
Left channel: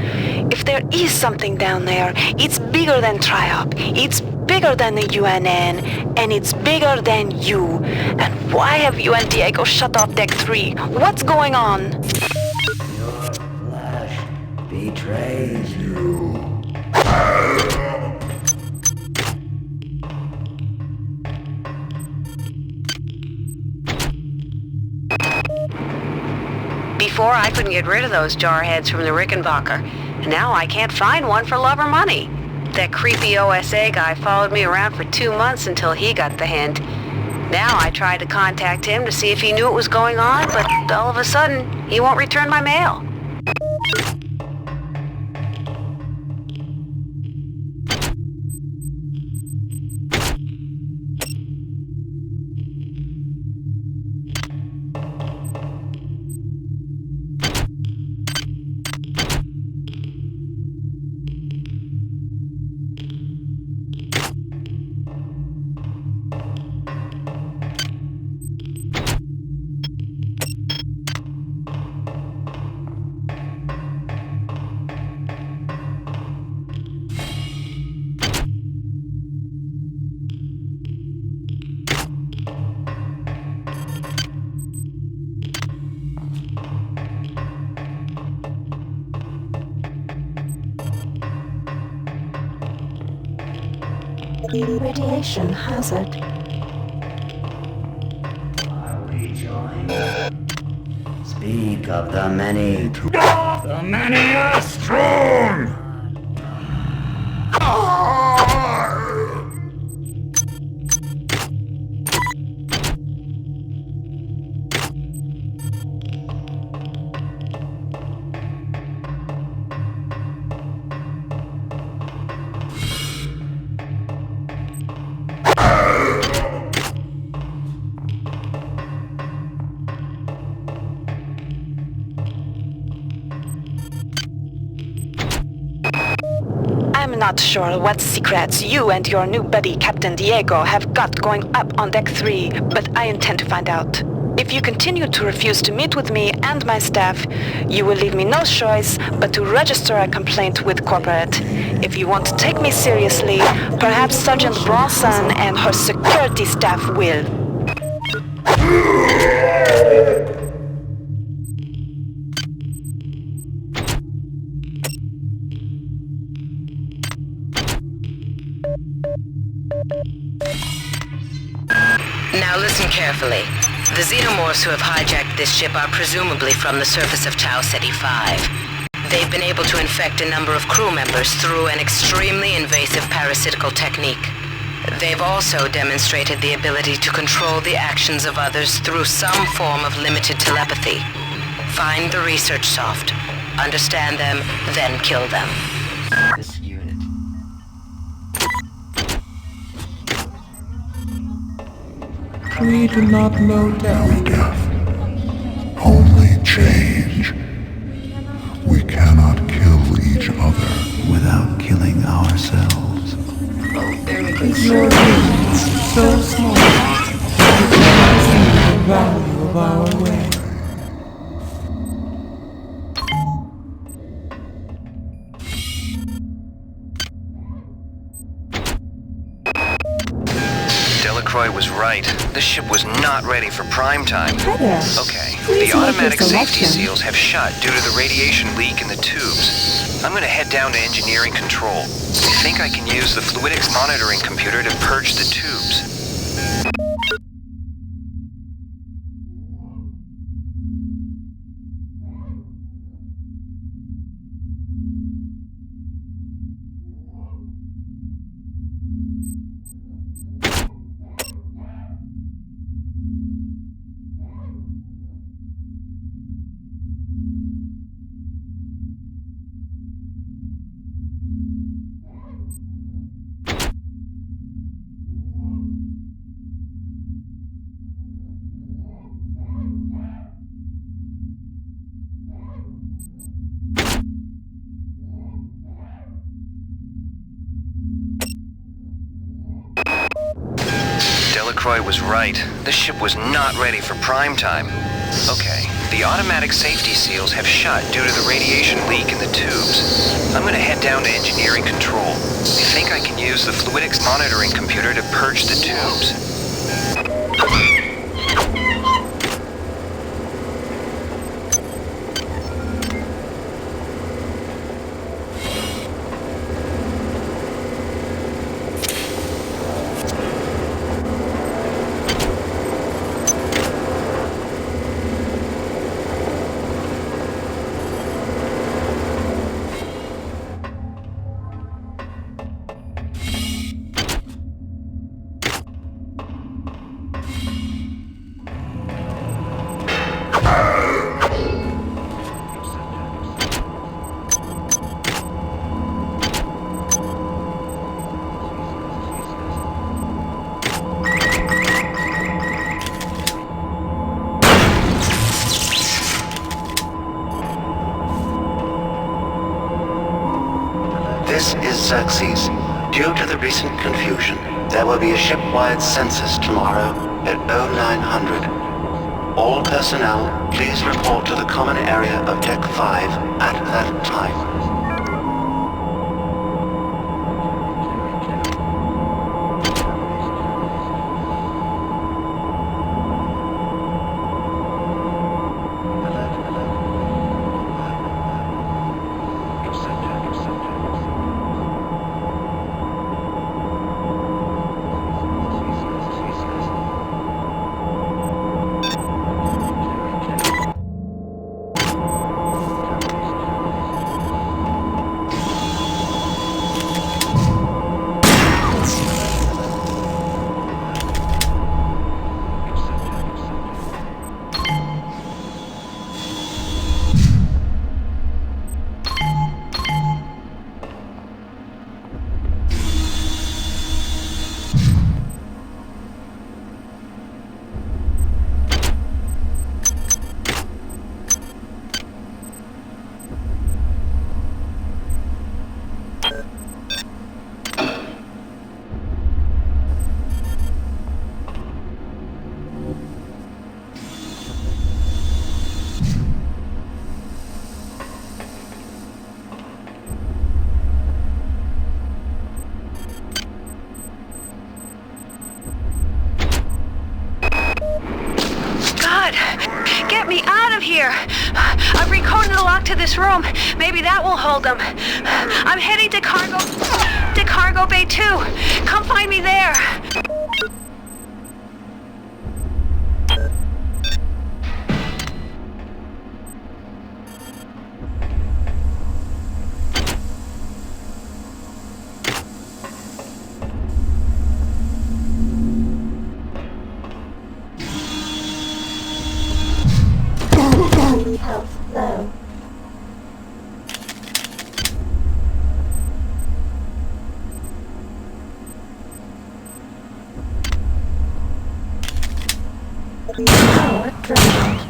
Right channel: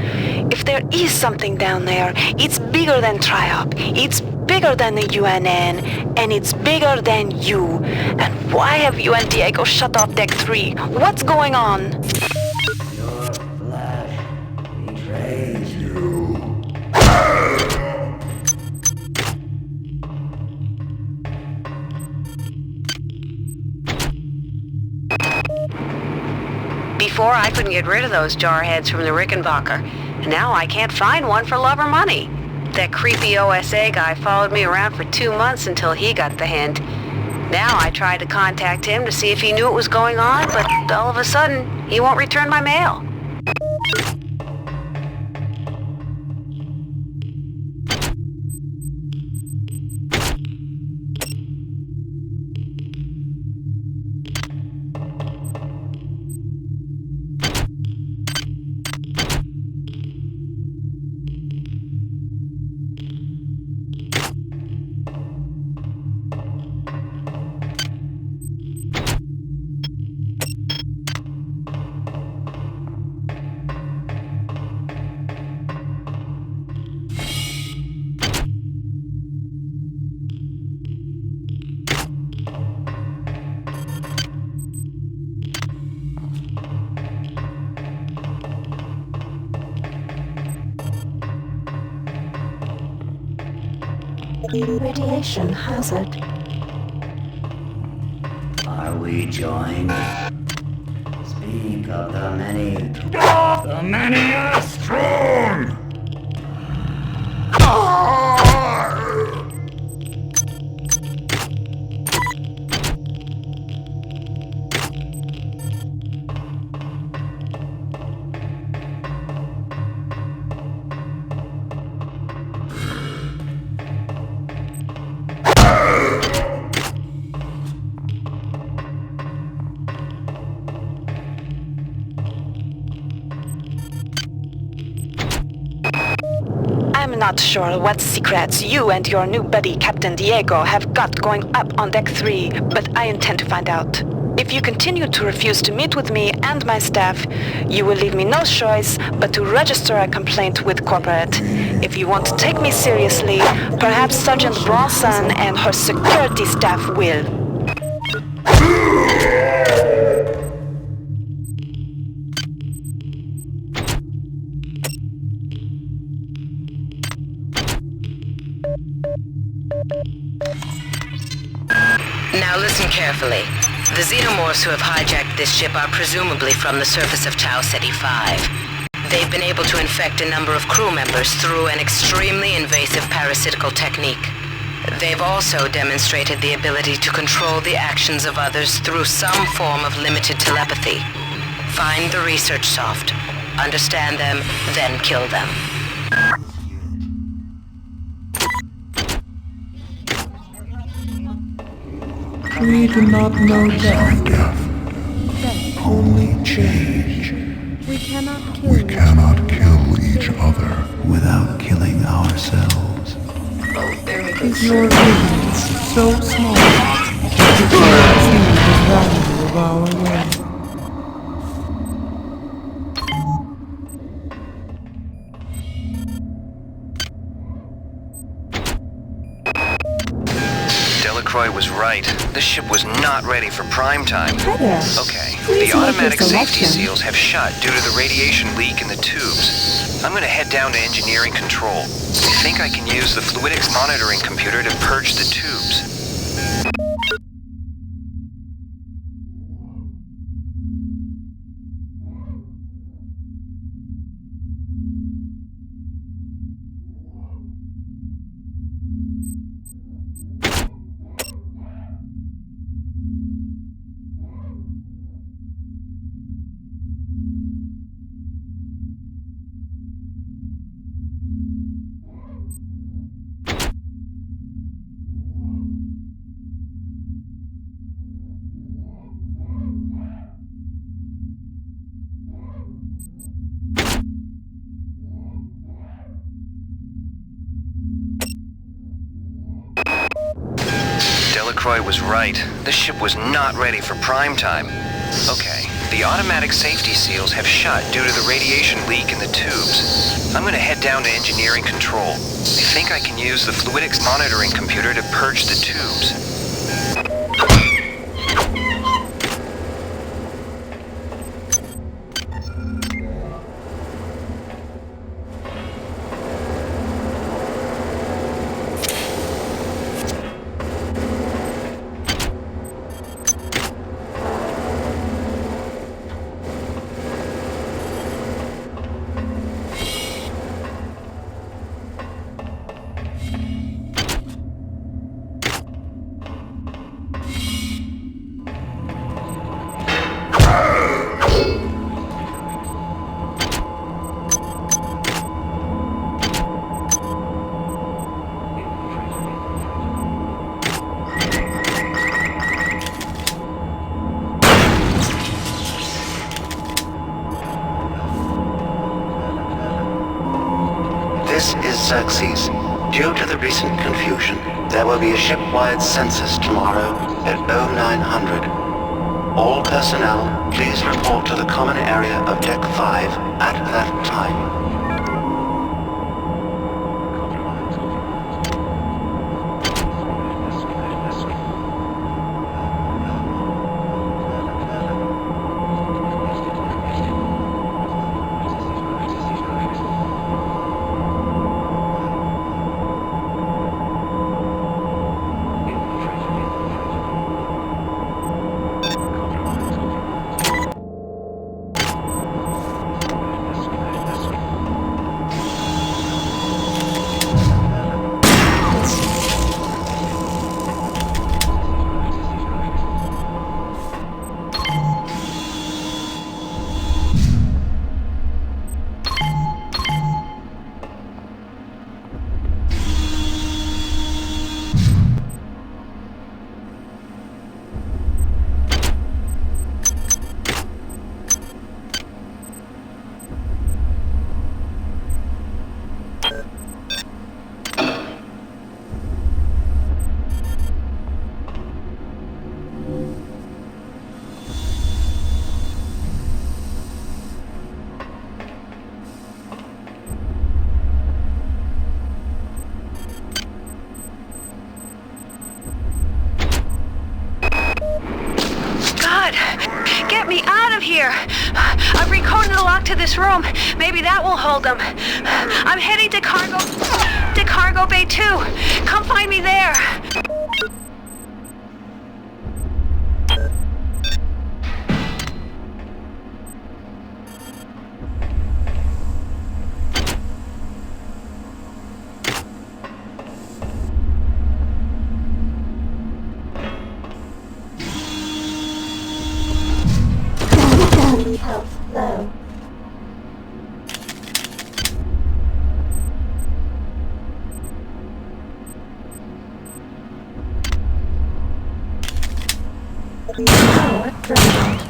If there is something down there, it's bigger than Triop, it's bigger than the UNN, and it's bigger than you. And why have you and Diego shut off Deck 3? What's going on? Your flesh betrays you. Before, I couldn't get rid of those jarheads from the Rickenbacker, and now I can't find one for love or money. That creepy OSA guy followed me around for 2 months until he got the hint. Now I tried to contact him to see if he knew what was going on, but all of a sudden, he won't return my mail. Radiation hazard. Are we joined? Speak of the many. The many are strong! I'm not sure what secrets you and your new buddy Captain Diego have got going up on Deck 3, but I intend to find out. If you continue to refuse to meet with me and my staff, you will leave me no choice but to register a complaint with corporate. If you want to take me seriously, perhaps Sergeant Bronson and her security staff will. Now listen carefully. The xenomorphs who have hijacked this ship are presumably from the surface of Tau Ceti 5. They've been able to infect a number of crew members through an extremely invasive parasitical technique. They've also demonstrated the ability to control the actions of others through some form of limited telepathy. Find the research soft, understand them, then kill them. We do not know death. Only change. We cannot kill each other without killing ourselves. Is your vision so small that you cannot see the value of our way? Delacroix was right. This ship was not ready for prime time. Hi there. Okay, Please the make automatic your safety selection. seals have shut due to the radiation leak in the tubes. I'm gonna head down to engineering control. I think I can use the fluidics monitoring computer to purge the tubes. Delacroix was right. This ship was not ready for prime time. Okay, the automatic safety seals have shut due to the radiation leak in the tubes. I'm gonna head down to engineering control. I think I can use the fluidics monitoring computer to purge the tubes. This is Xerxes. Due to the recent confusion, there will be a ship-wide census tomorrow at 0900. All personnel, please report to the common area of Deck 5 at that time. Get me out of here! I've recoded the lock to this room. Maybe that will hold them. I'm heading to Cargo Bay 2. Come find me there. Health low. Power drained.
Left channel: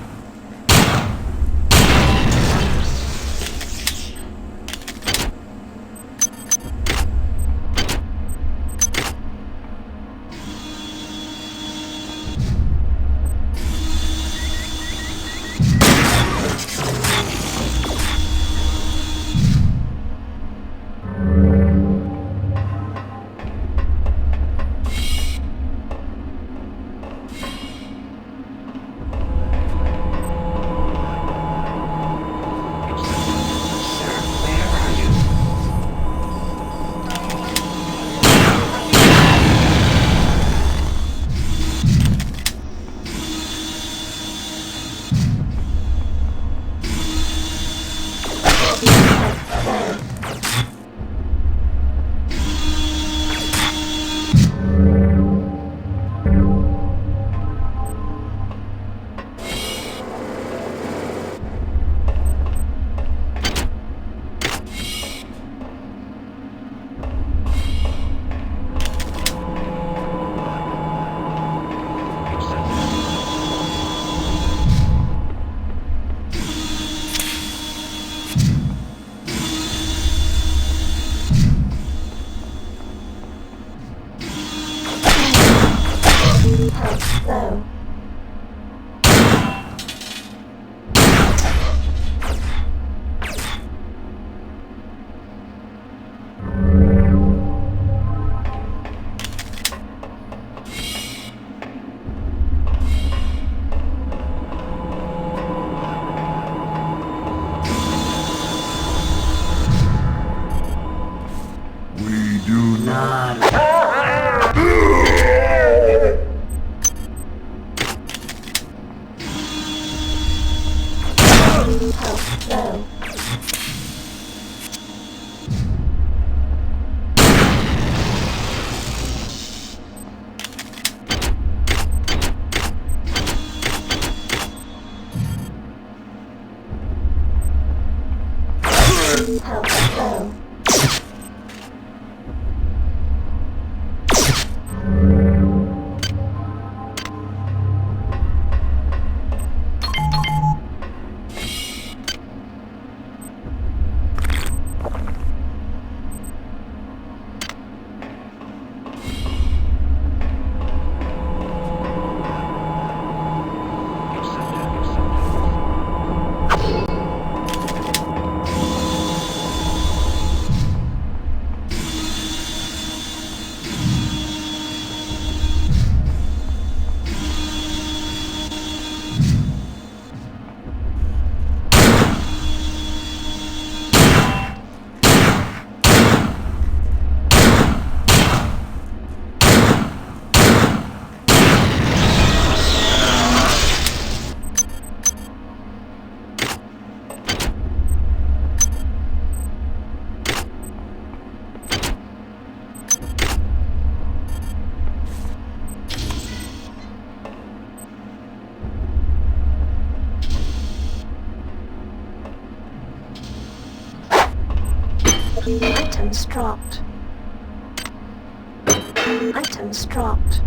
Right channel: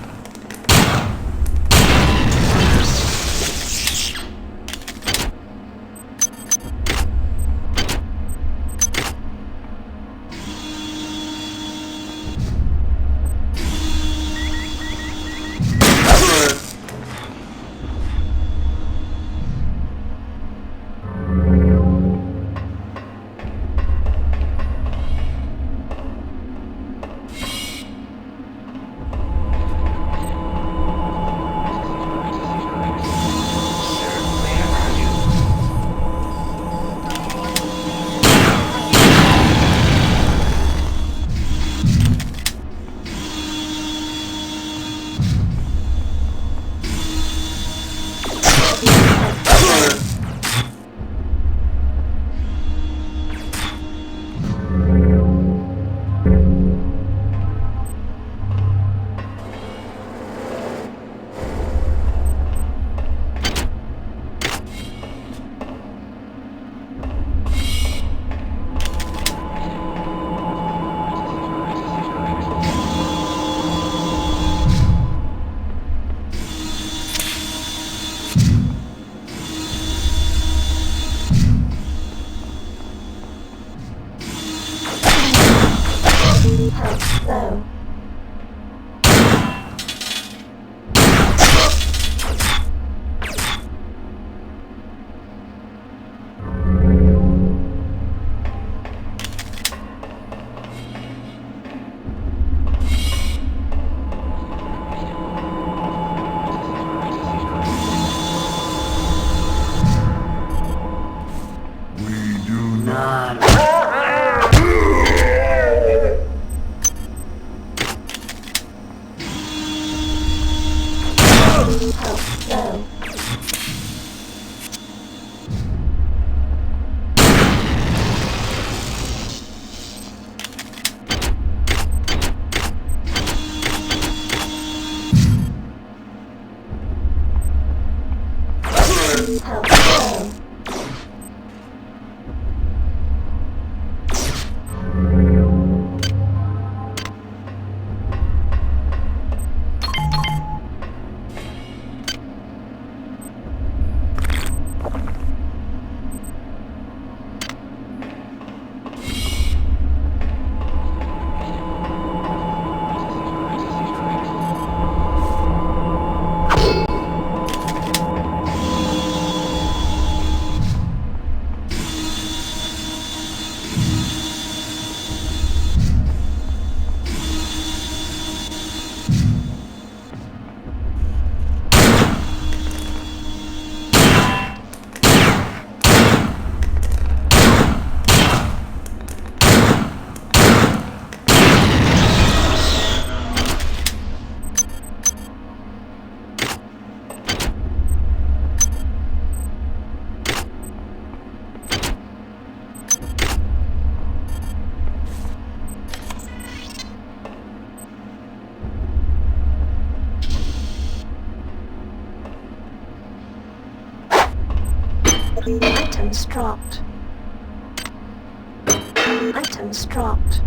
not. Health low. Health low. Items dropped. Items dropped.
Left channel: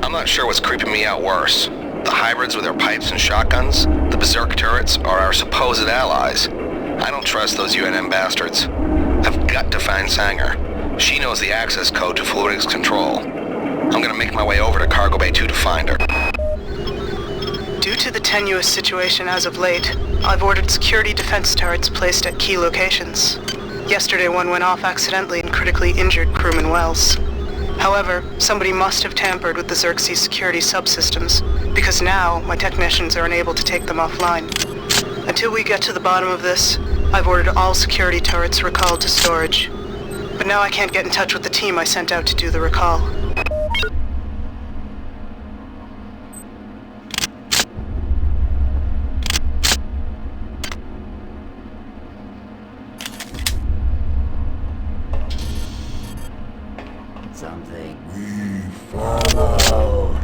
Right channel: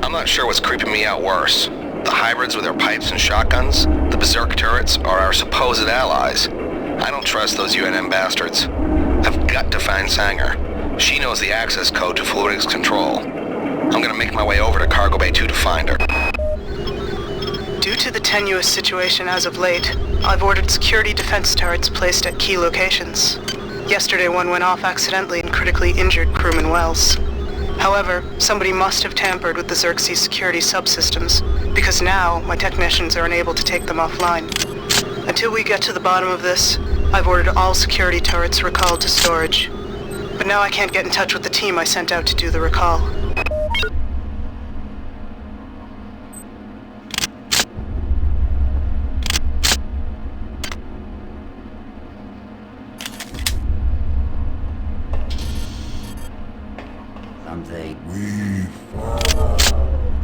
I'm not sure what's creeping me out worse. The hybrids with their pipes and shotguns, the berserk turrets, or our supposed allies. I don't trust those UNM bastards. I've got to find Sanger. She knows the access code to Fluidics Control. I'm gonna make my way over to Cargo Bay 2 to find her. Due to the tenuous situation as of late, I've ordered security defense turrets placed at key locations. Yesterday one went off accidentally and critically injured crewman Wells. However, somebody must have tampered with the Xerxes security subsystems, because now my technicians are unable to take them offline. Until we get to the bottom of this, I've ordered all security turrets recalled to storage. But now I can't get in touch with the team I sent out to do the recall. Something. We follow.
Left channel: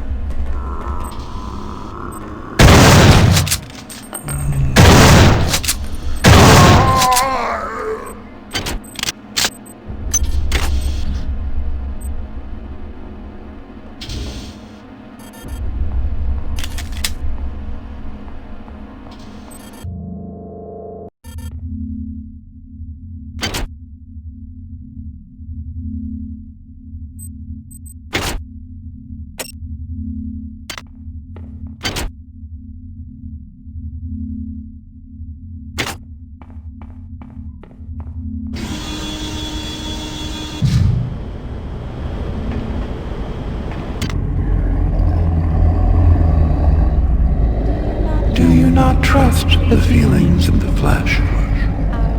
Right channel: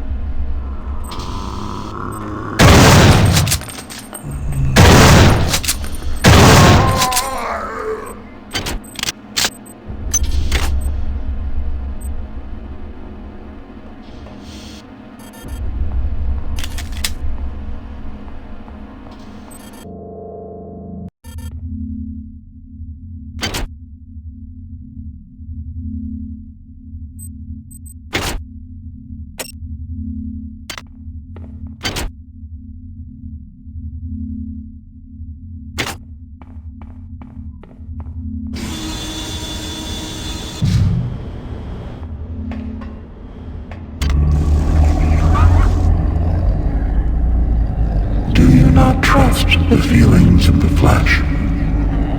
Not trust the feelings of the flesh.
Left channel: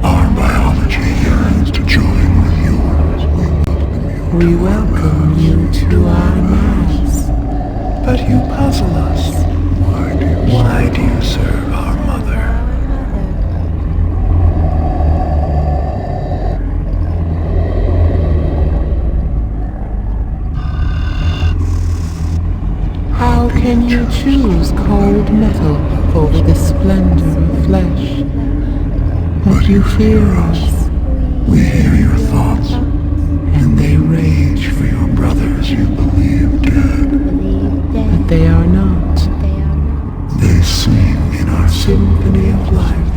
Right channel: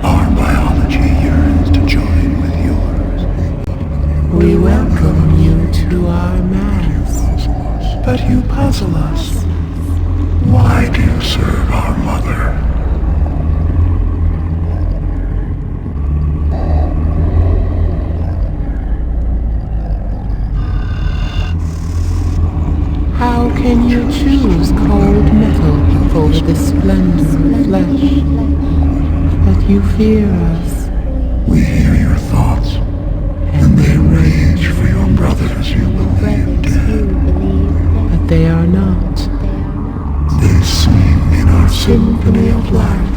Our biology yearns to join with yours. We welcome you to our mass. But you puzzle us. Why do you serve our mother? How can you choose cold metal over the splendor of flesh? But you fear us. We hear your thoughts, and they rage for your brothers you believe dead. But but they are not. They sing in our symphony of life.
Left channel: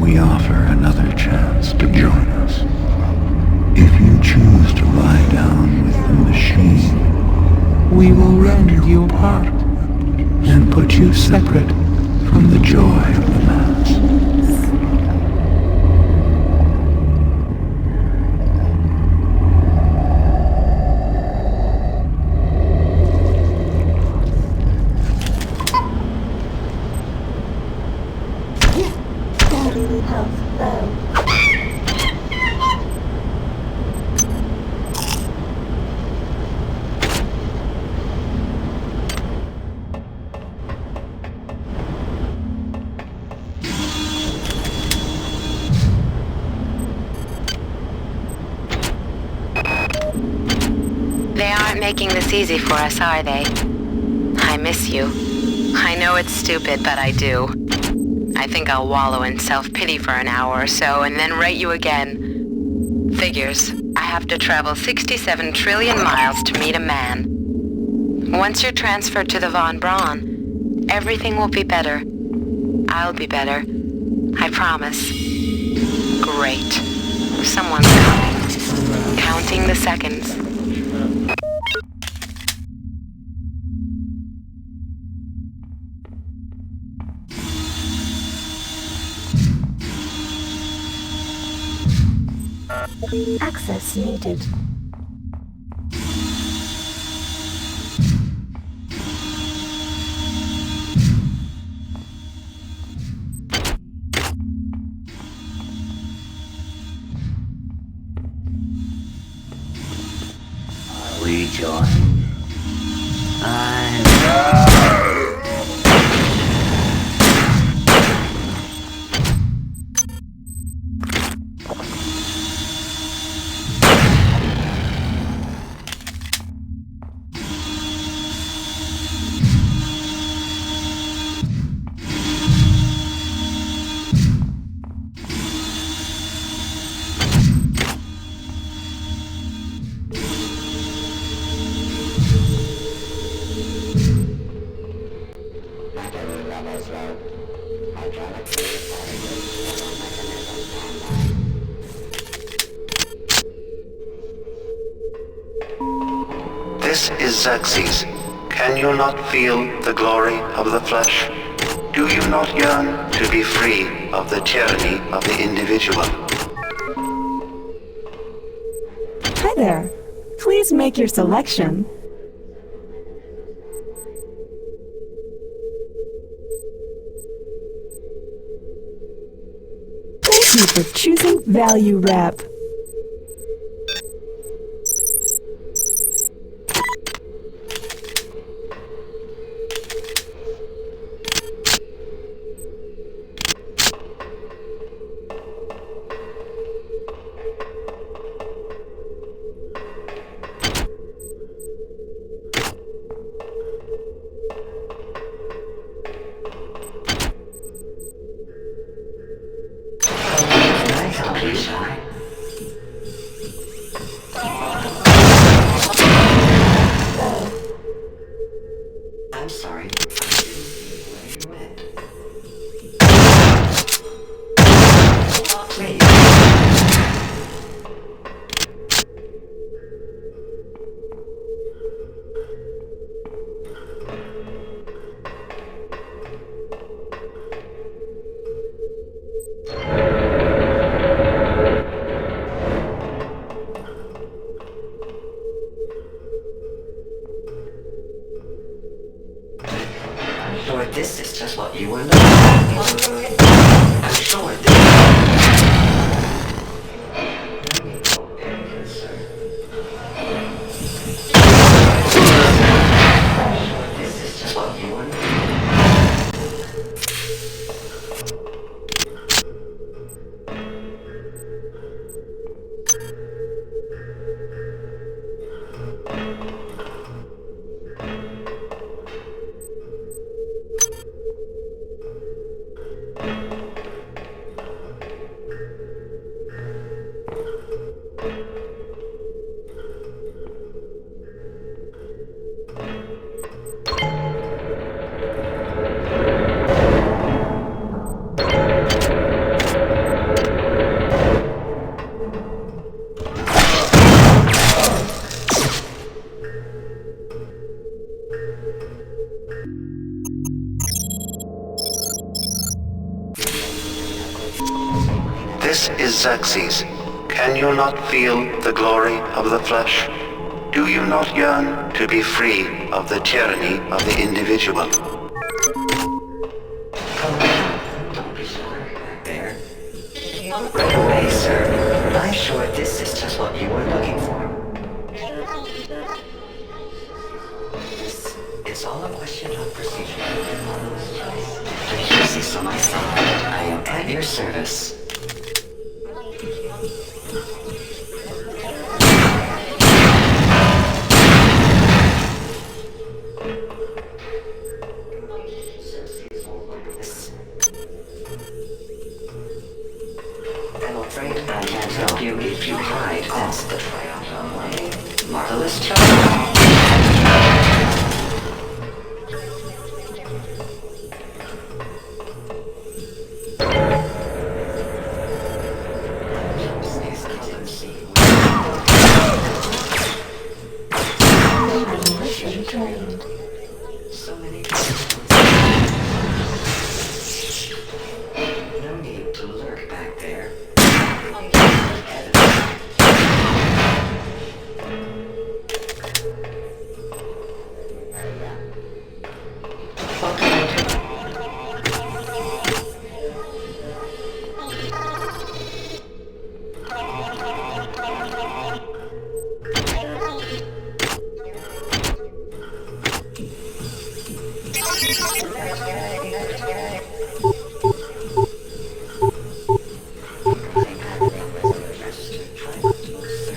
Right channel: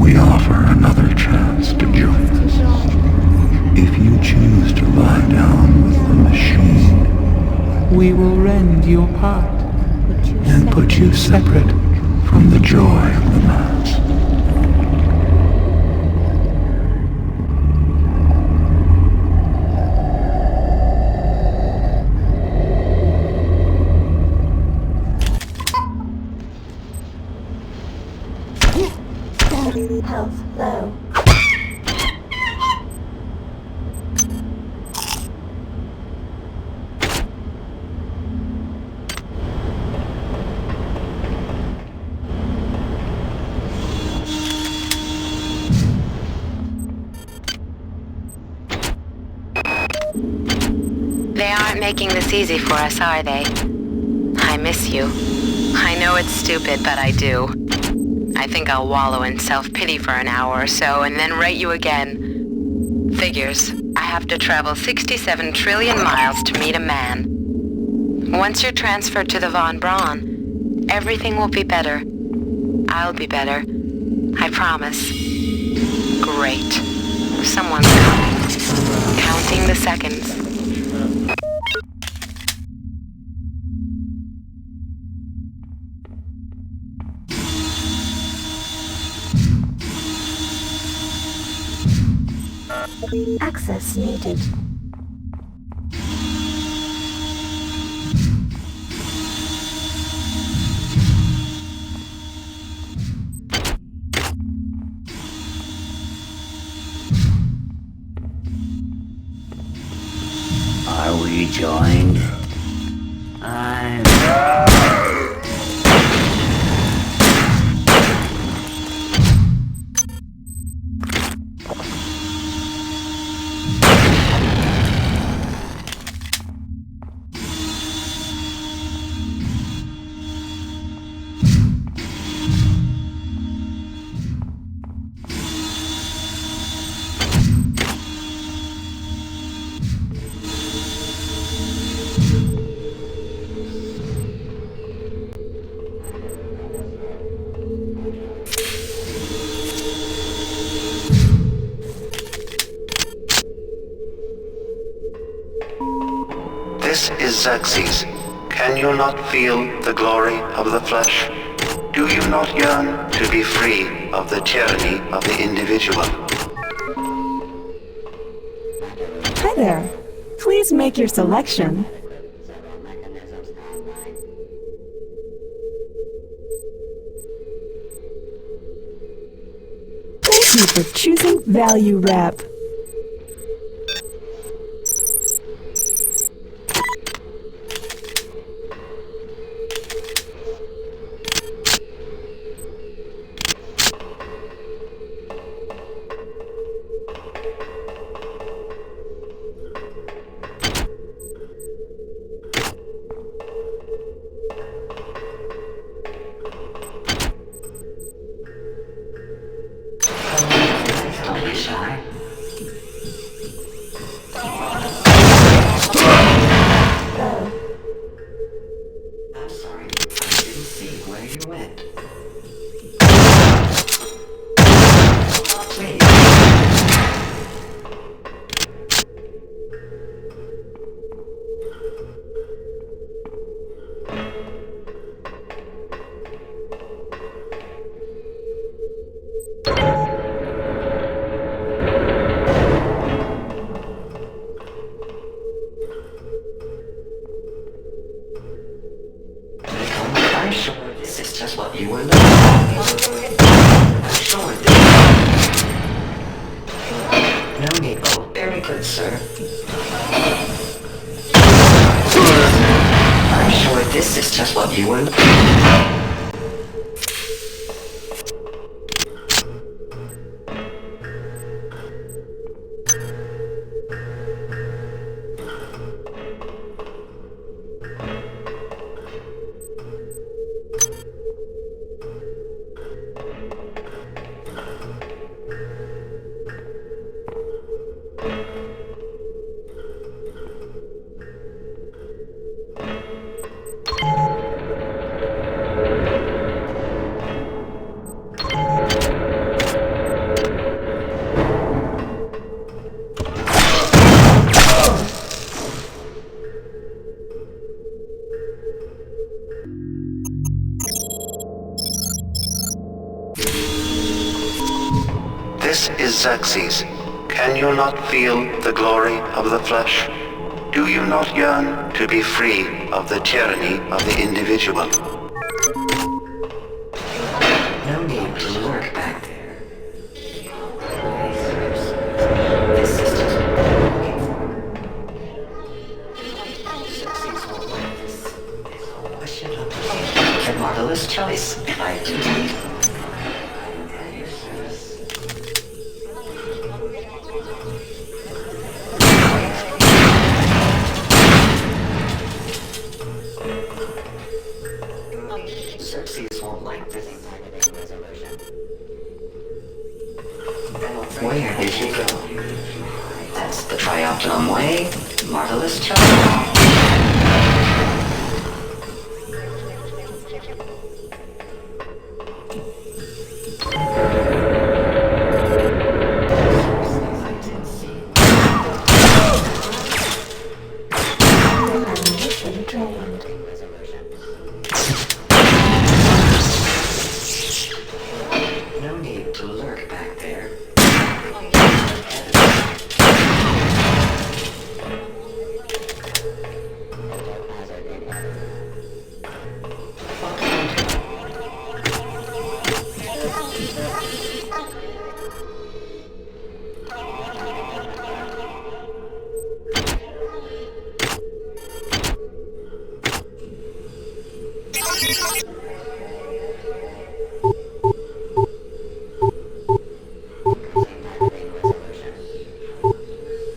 We offer another chance to join us. If you choose to lie down with the machine, We will rend your part and put you separate from the joy of the mass. Health low. They aren't making this easy for us, are they? I miss you. I know it's stupid, but I do. I think I'll wallow in self-pity for an hour or so and then rate you again. Figures. I have to travel 67 trillion miles to meet a man. Once you're transferred to the Von Braun, everything will be better. I'll be better. I promise. Great. Someone's coming. Counting the seconds. Access needed. Are we joined? This is Xerxes. Can you not feel the glory of the flesh? Do you not yearn to be free of the tyranny of the individual? Hi there. Please make your selection. Thank you for choosing Value Wrap. I'm sorry, I didn't see where you went. Please. I'm sure this is just what you were looking for. I'm sure this... No need. Oh, very good, sir. I'm sure this is just what you were looking for. This is Xerxes. Can you not feel the glory of the flesh? Do you not yearn to be free of the tyranny of the individual? No need to work back there. Right away, sir. I'm sure this is just what you're looking for. It's all a question of procedure and marvelous choice. If I use this on my side, I am at your service. Xerxes won't like this. I'm afraid I can't help you if you hide. That's the Trioptimum way. Marvelous choice. Ammunition drained. No need to lurk back there.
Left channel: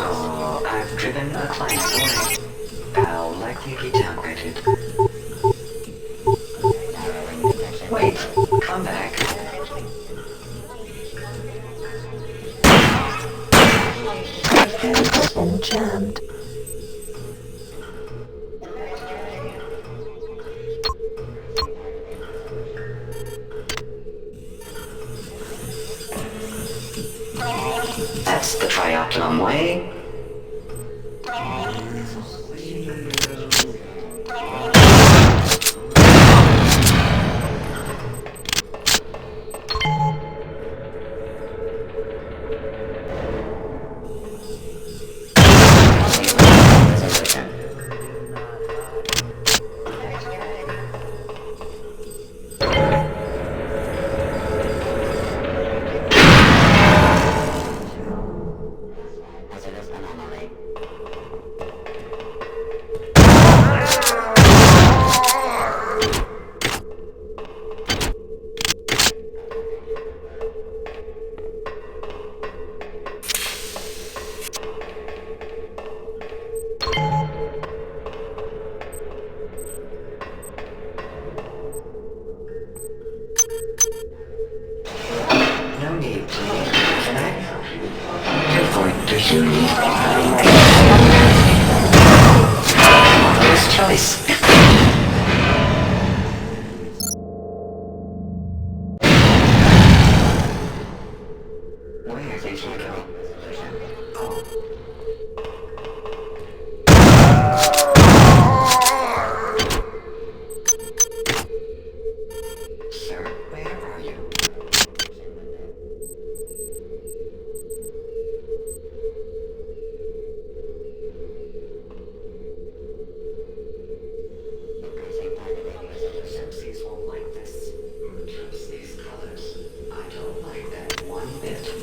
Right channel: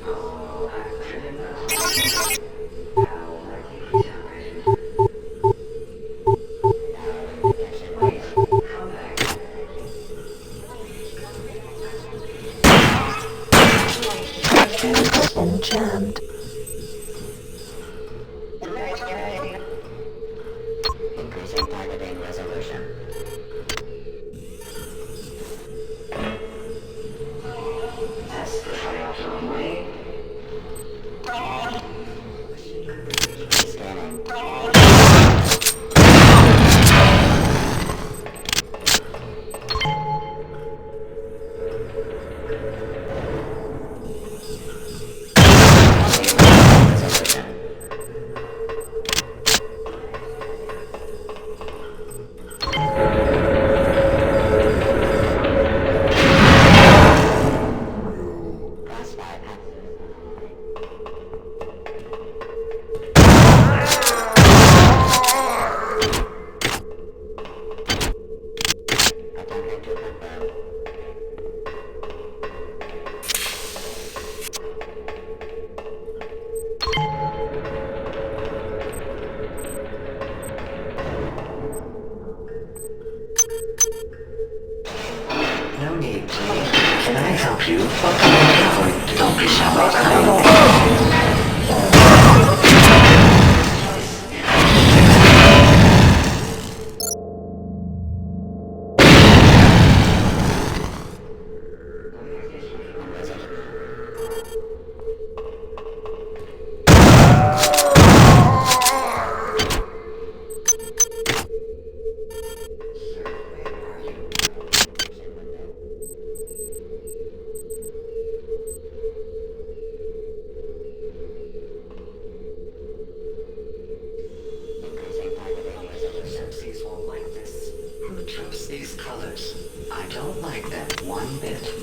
Oh, I've driven a client. I'll likely be downgraded. Wait, come back. Weapon jammed. That's the Trioptimum way. No need, please. Can I help you? What can I do for you? This choice. Where did you go, resolution? Sir, where are you? Xerxes won't like this. Who chose these colors? I don't like them one bit.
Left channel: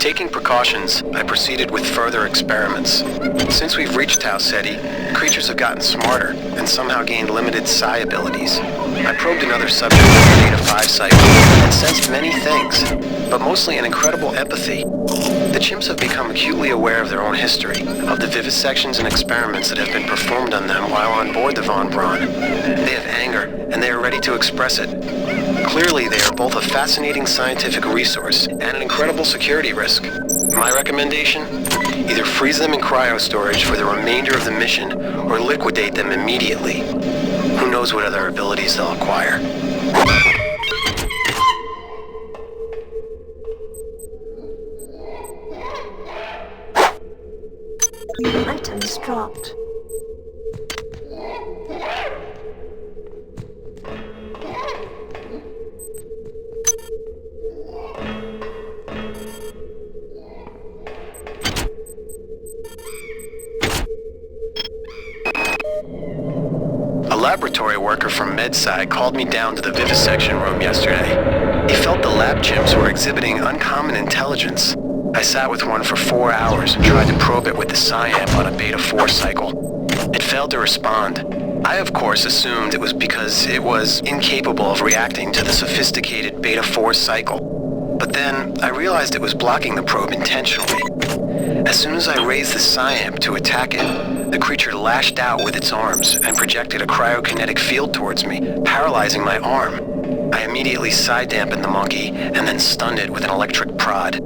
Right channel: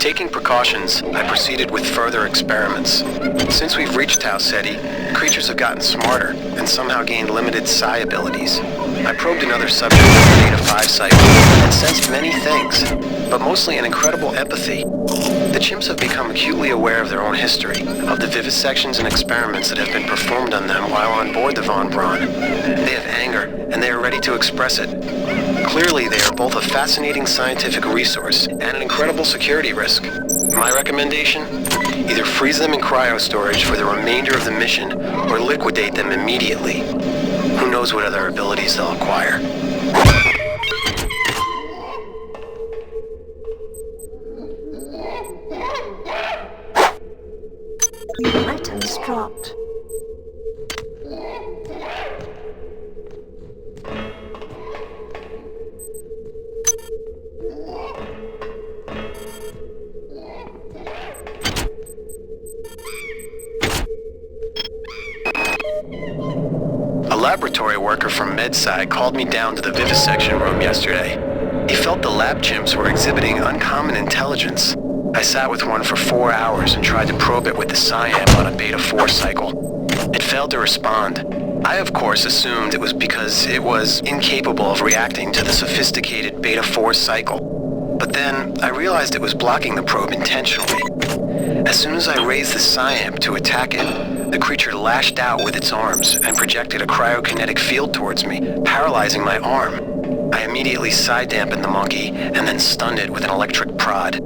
Taking precautions, I proceeded with further experiments. Since we've reached Tau Ceti, creatures have gotten smarter and somehow gained limited psi abilities. I probed another subject with the Beta 5 cycle and sensed many things, but mostly an incredible empathy. The chimps have become acutely aware of their own history, of the vivisections and experiments that have been performed on them while on board the Von Braun. They have anger, and they are ready to express it. Clearly, they are both a fascinating scientific resource and an incredible security risk. My recommendation? Either freeze them in cryo-storage for the remainder of the mission, or liquidate them immediately. Who knows what other abilities they'll acquire. Items dropped. A laboratory worker from MedSci called me down to the vivisection room yesterday. He felt the lab chimps were exhibiting uncommon intelligence. I sat with one for 4 hours and tried to probe it with the Psi-Amp on a Beta 4 cycle. It failed to respond. I, of course, assumed it was because it was incapable of reacting to the sophisticated Beta 4 cycle. But then, I realized it was blocking the probe intentionally. As soon as I raised the Psi-Amp to attack it, the creature lashed out with its arms and projected a cryokinetic field towards me, paralyzing my arm. I immediately psi-dampened the monkey and then stunned it with an electric prod.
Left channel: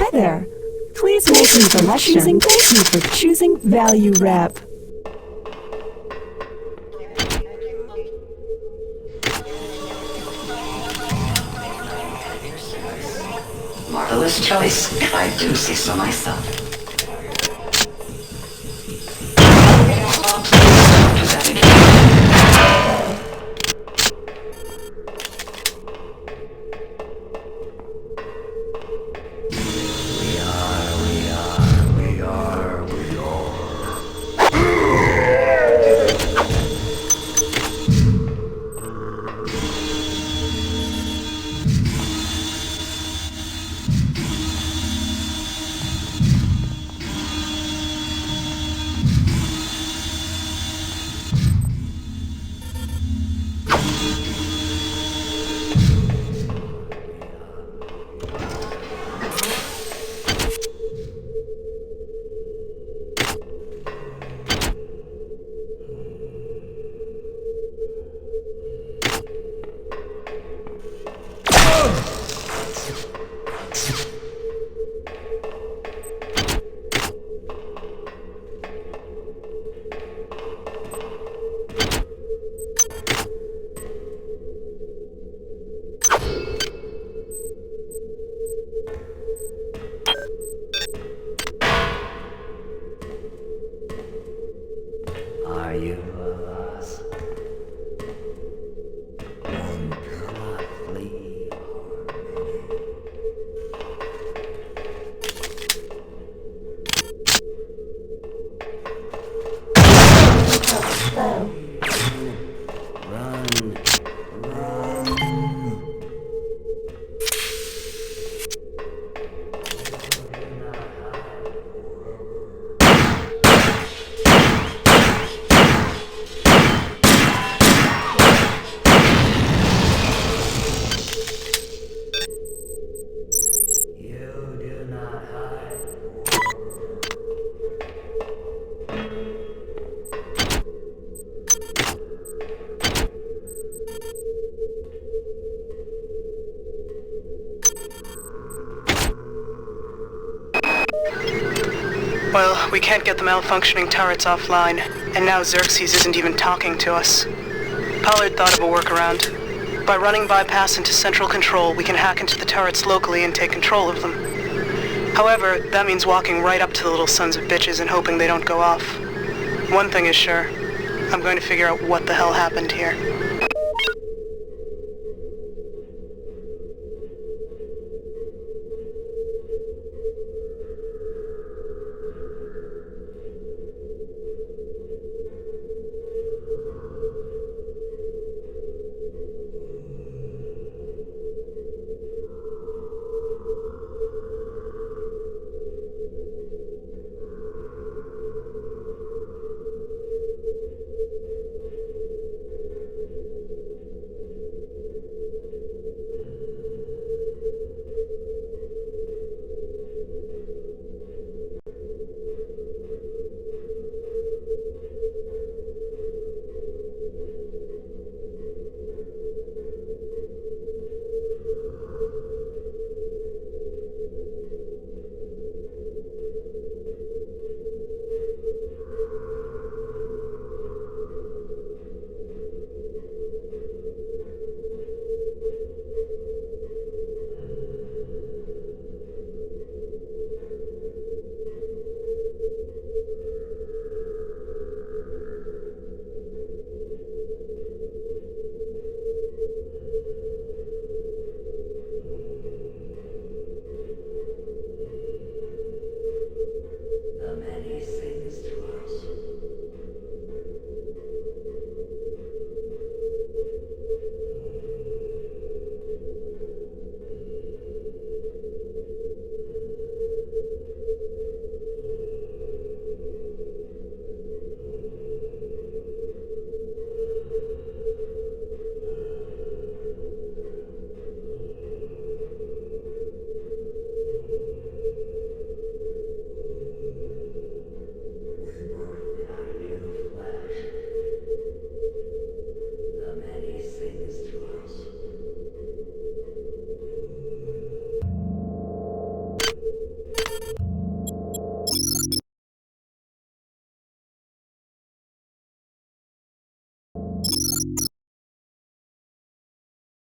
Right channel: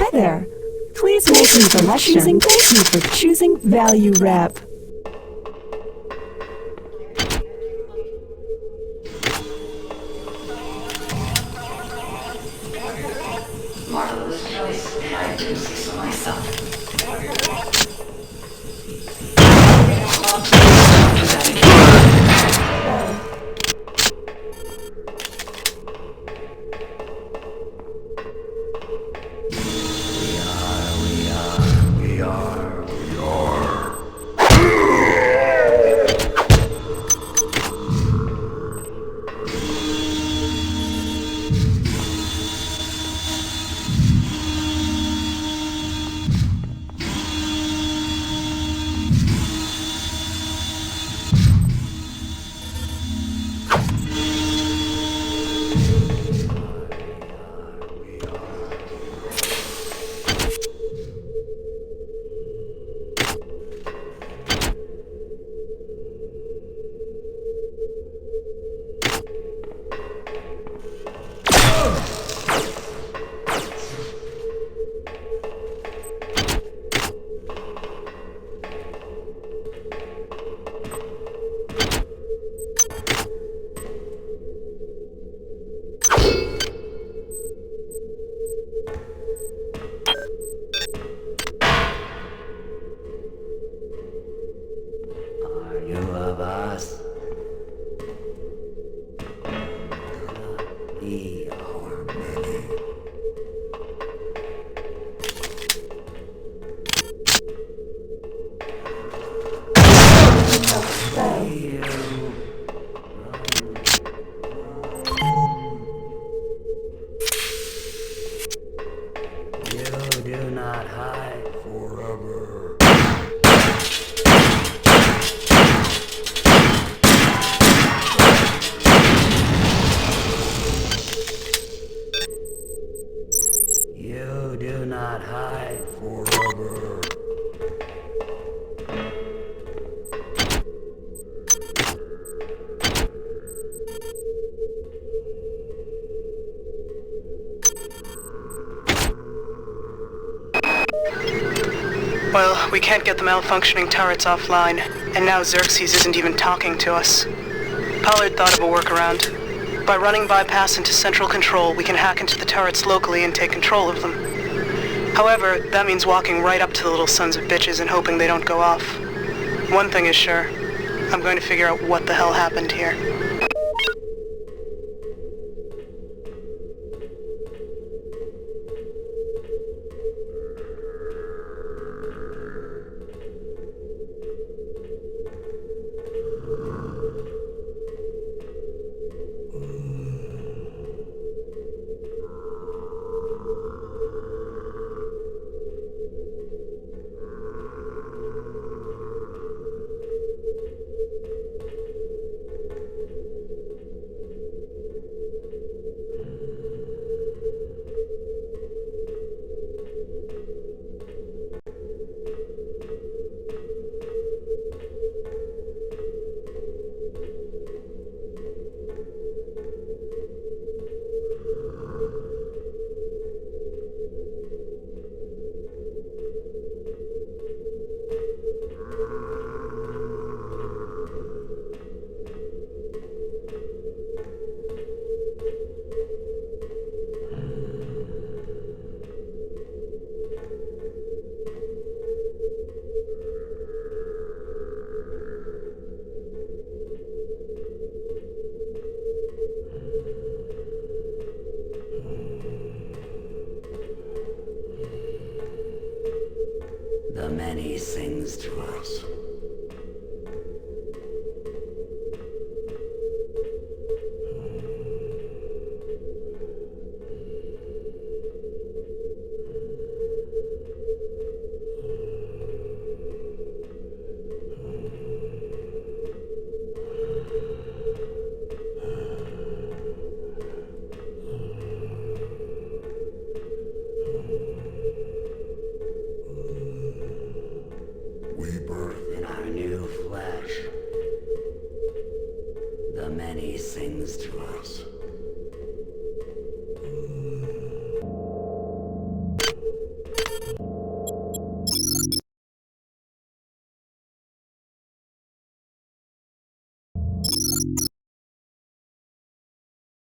Hi there. Please make your selection. Thank you for choosing Value Wrap. Marvelous choice, if I do say so myself. Well, we can't get the malfunctioning turrets offline, and now Xerxes isn't even talking to us. Pollard thought of a workaround. By running bypass into central control, we can hack into the turrets locally and take control of them. However, that means walking right up to the little sons of bitches and hoping they don't go off. One thing is sure, I'm going to figure out what the hell happened here. The many sings to us.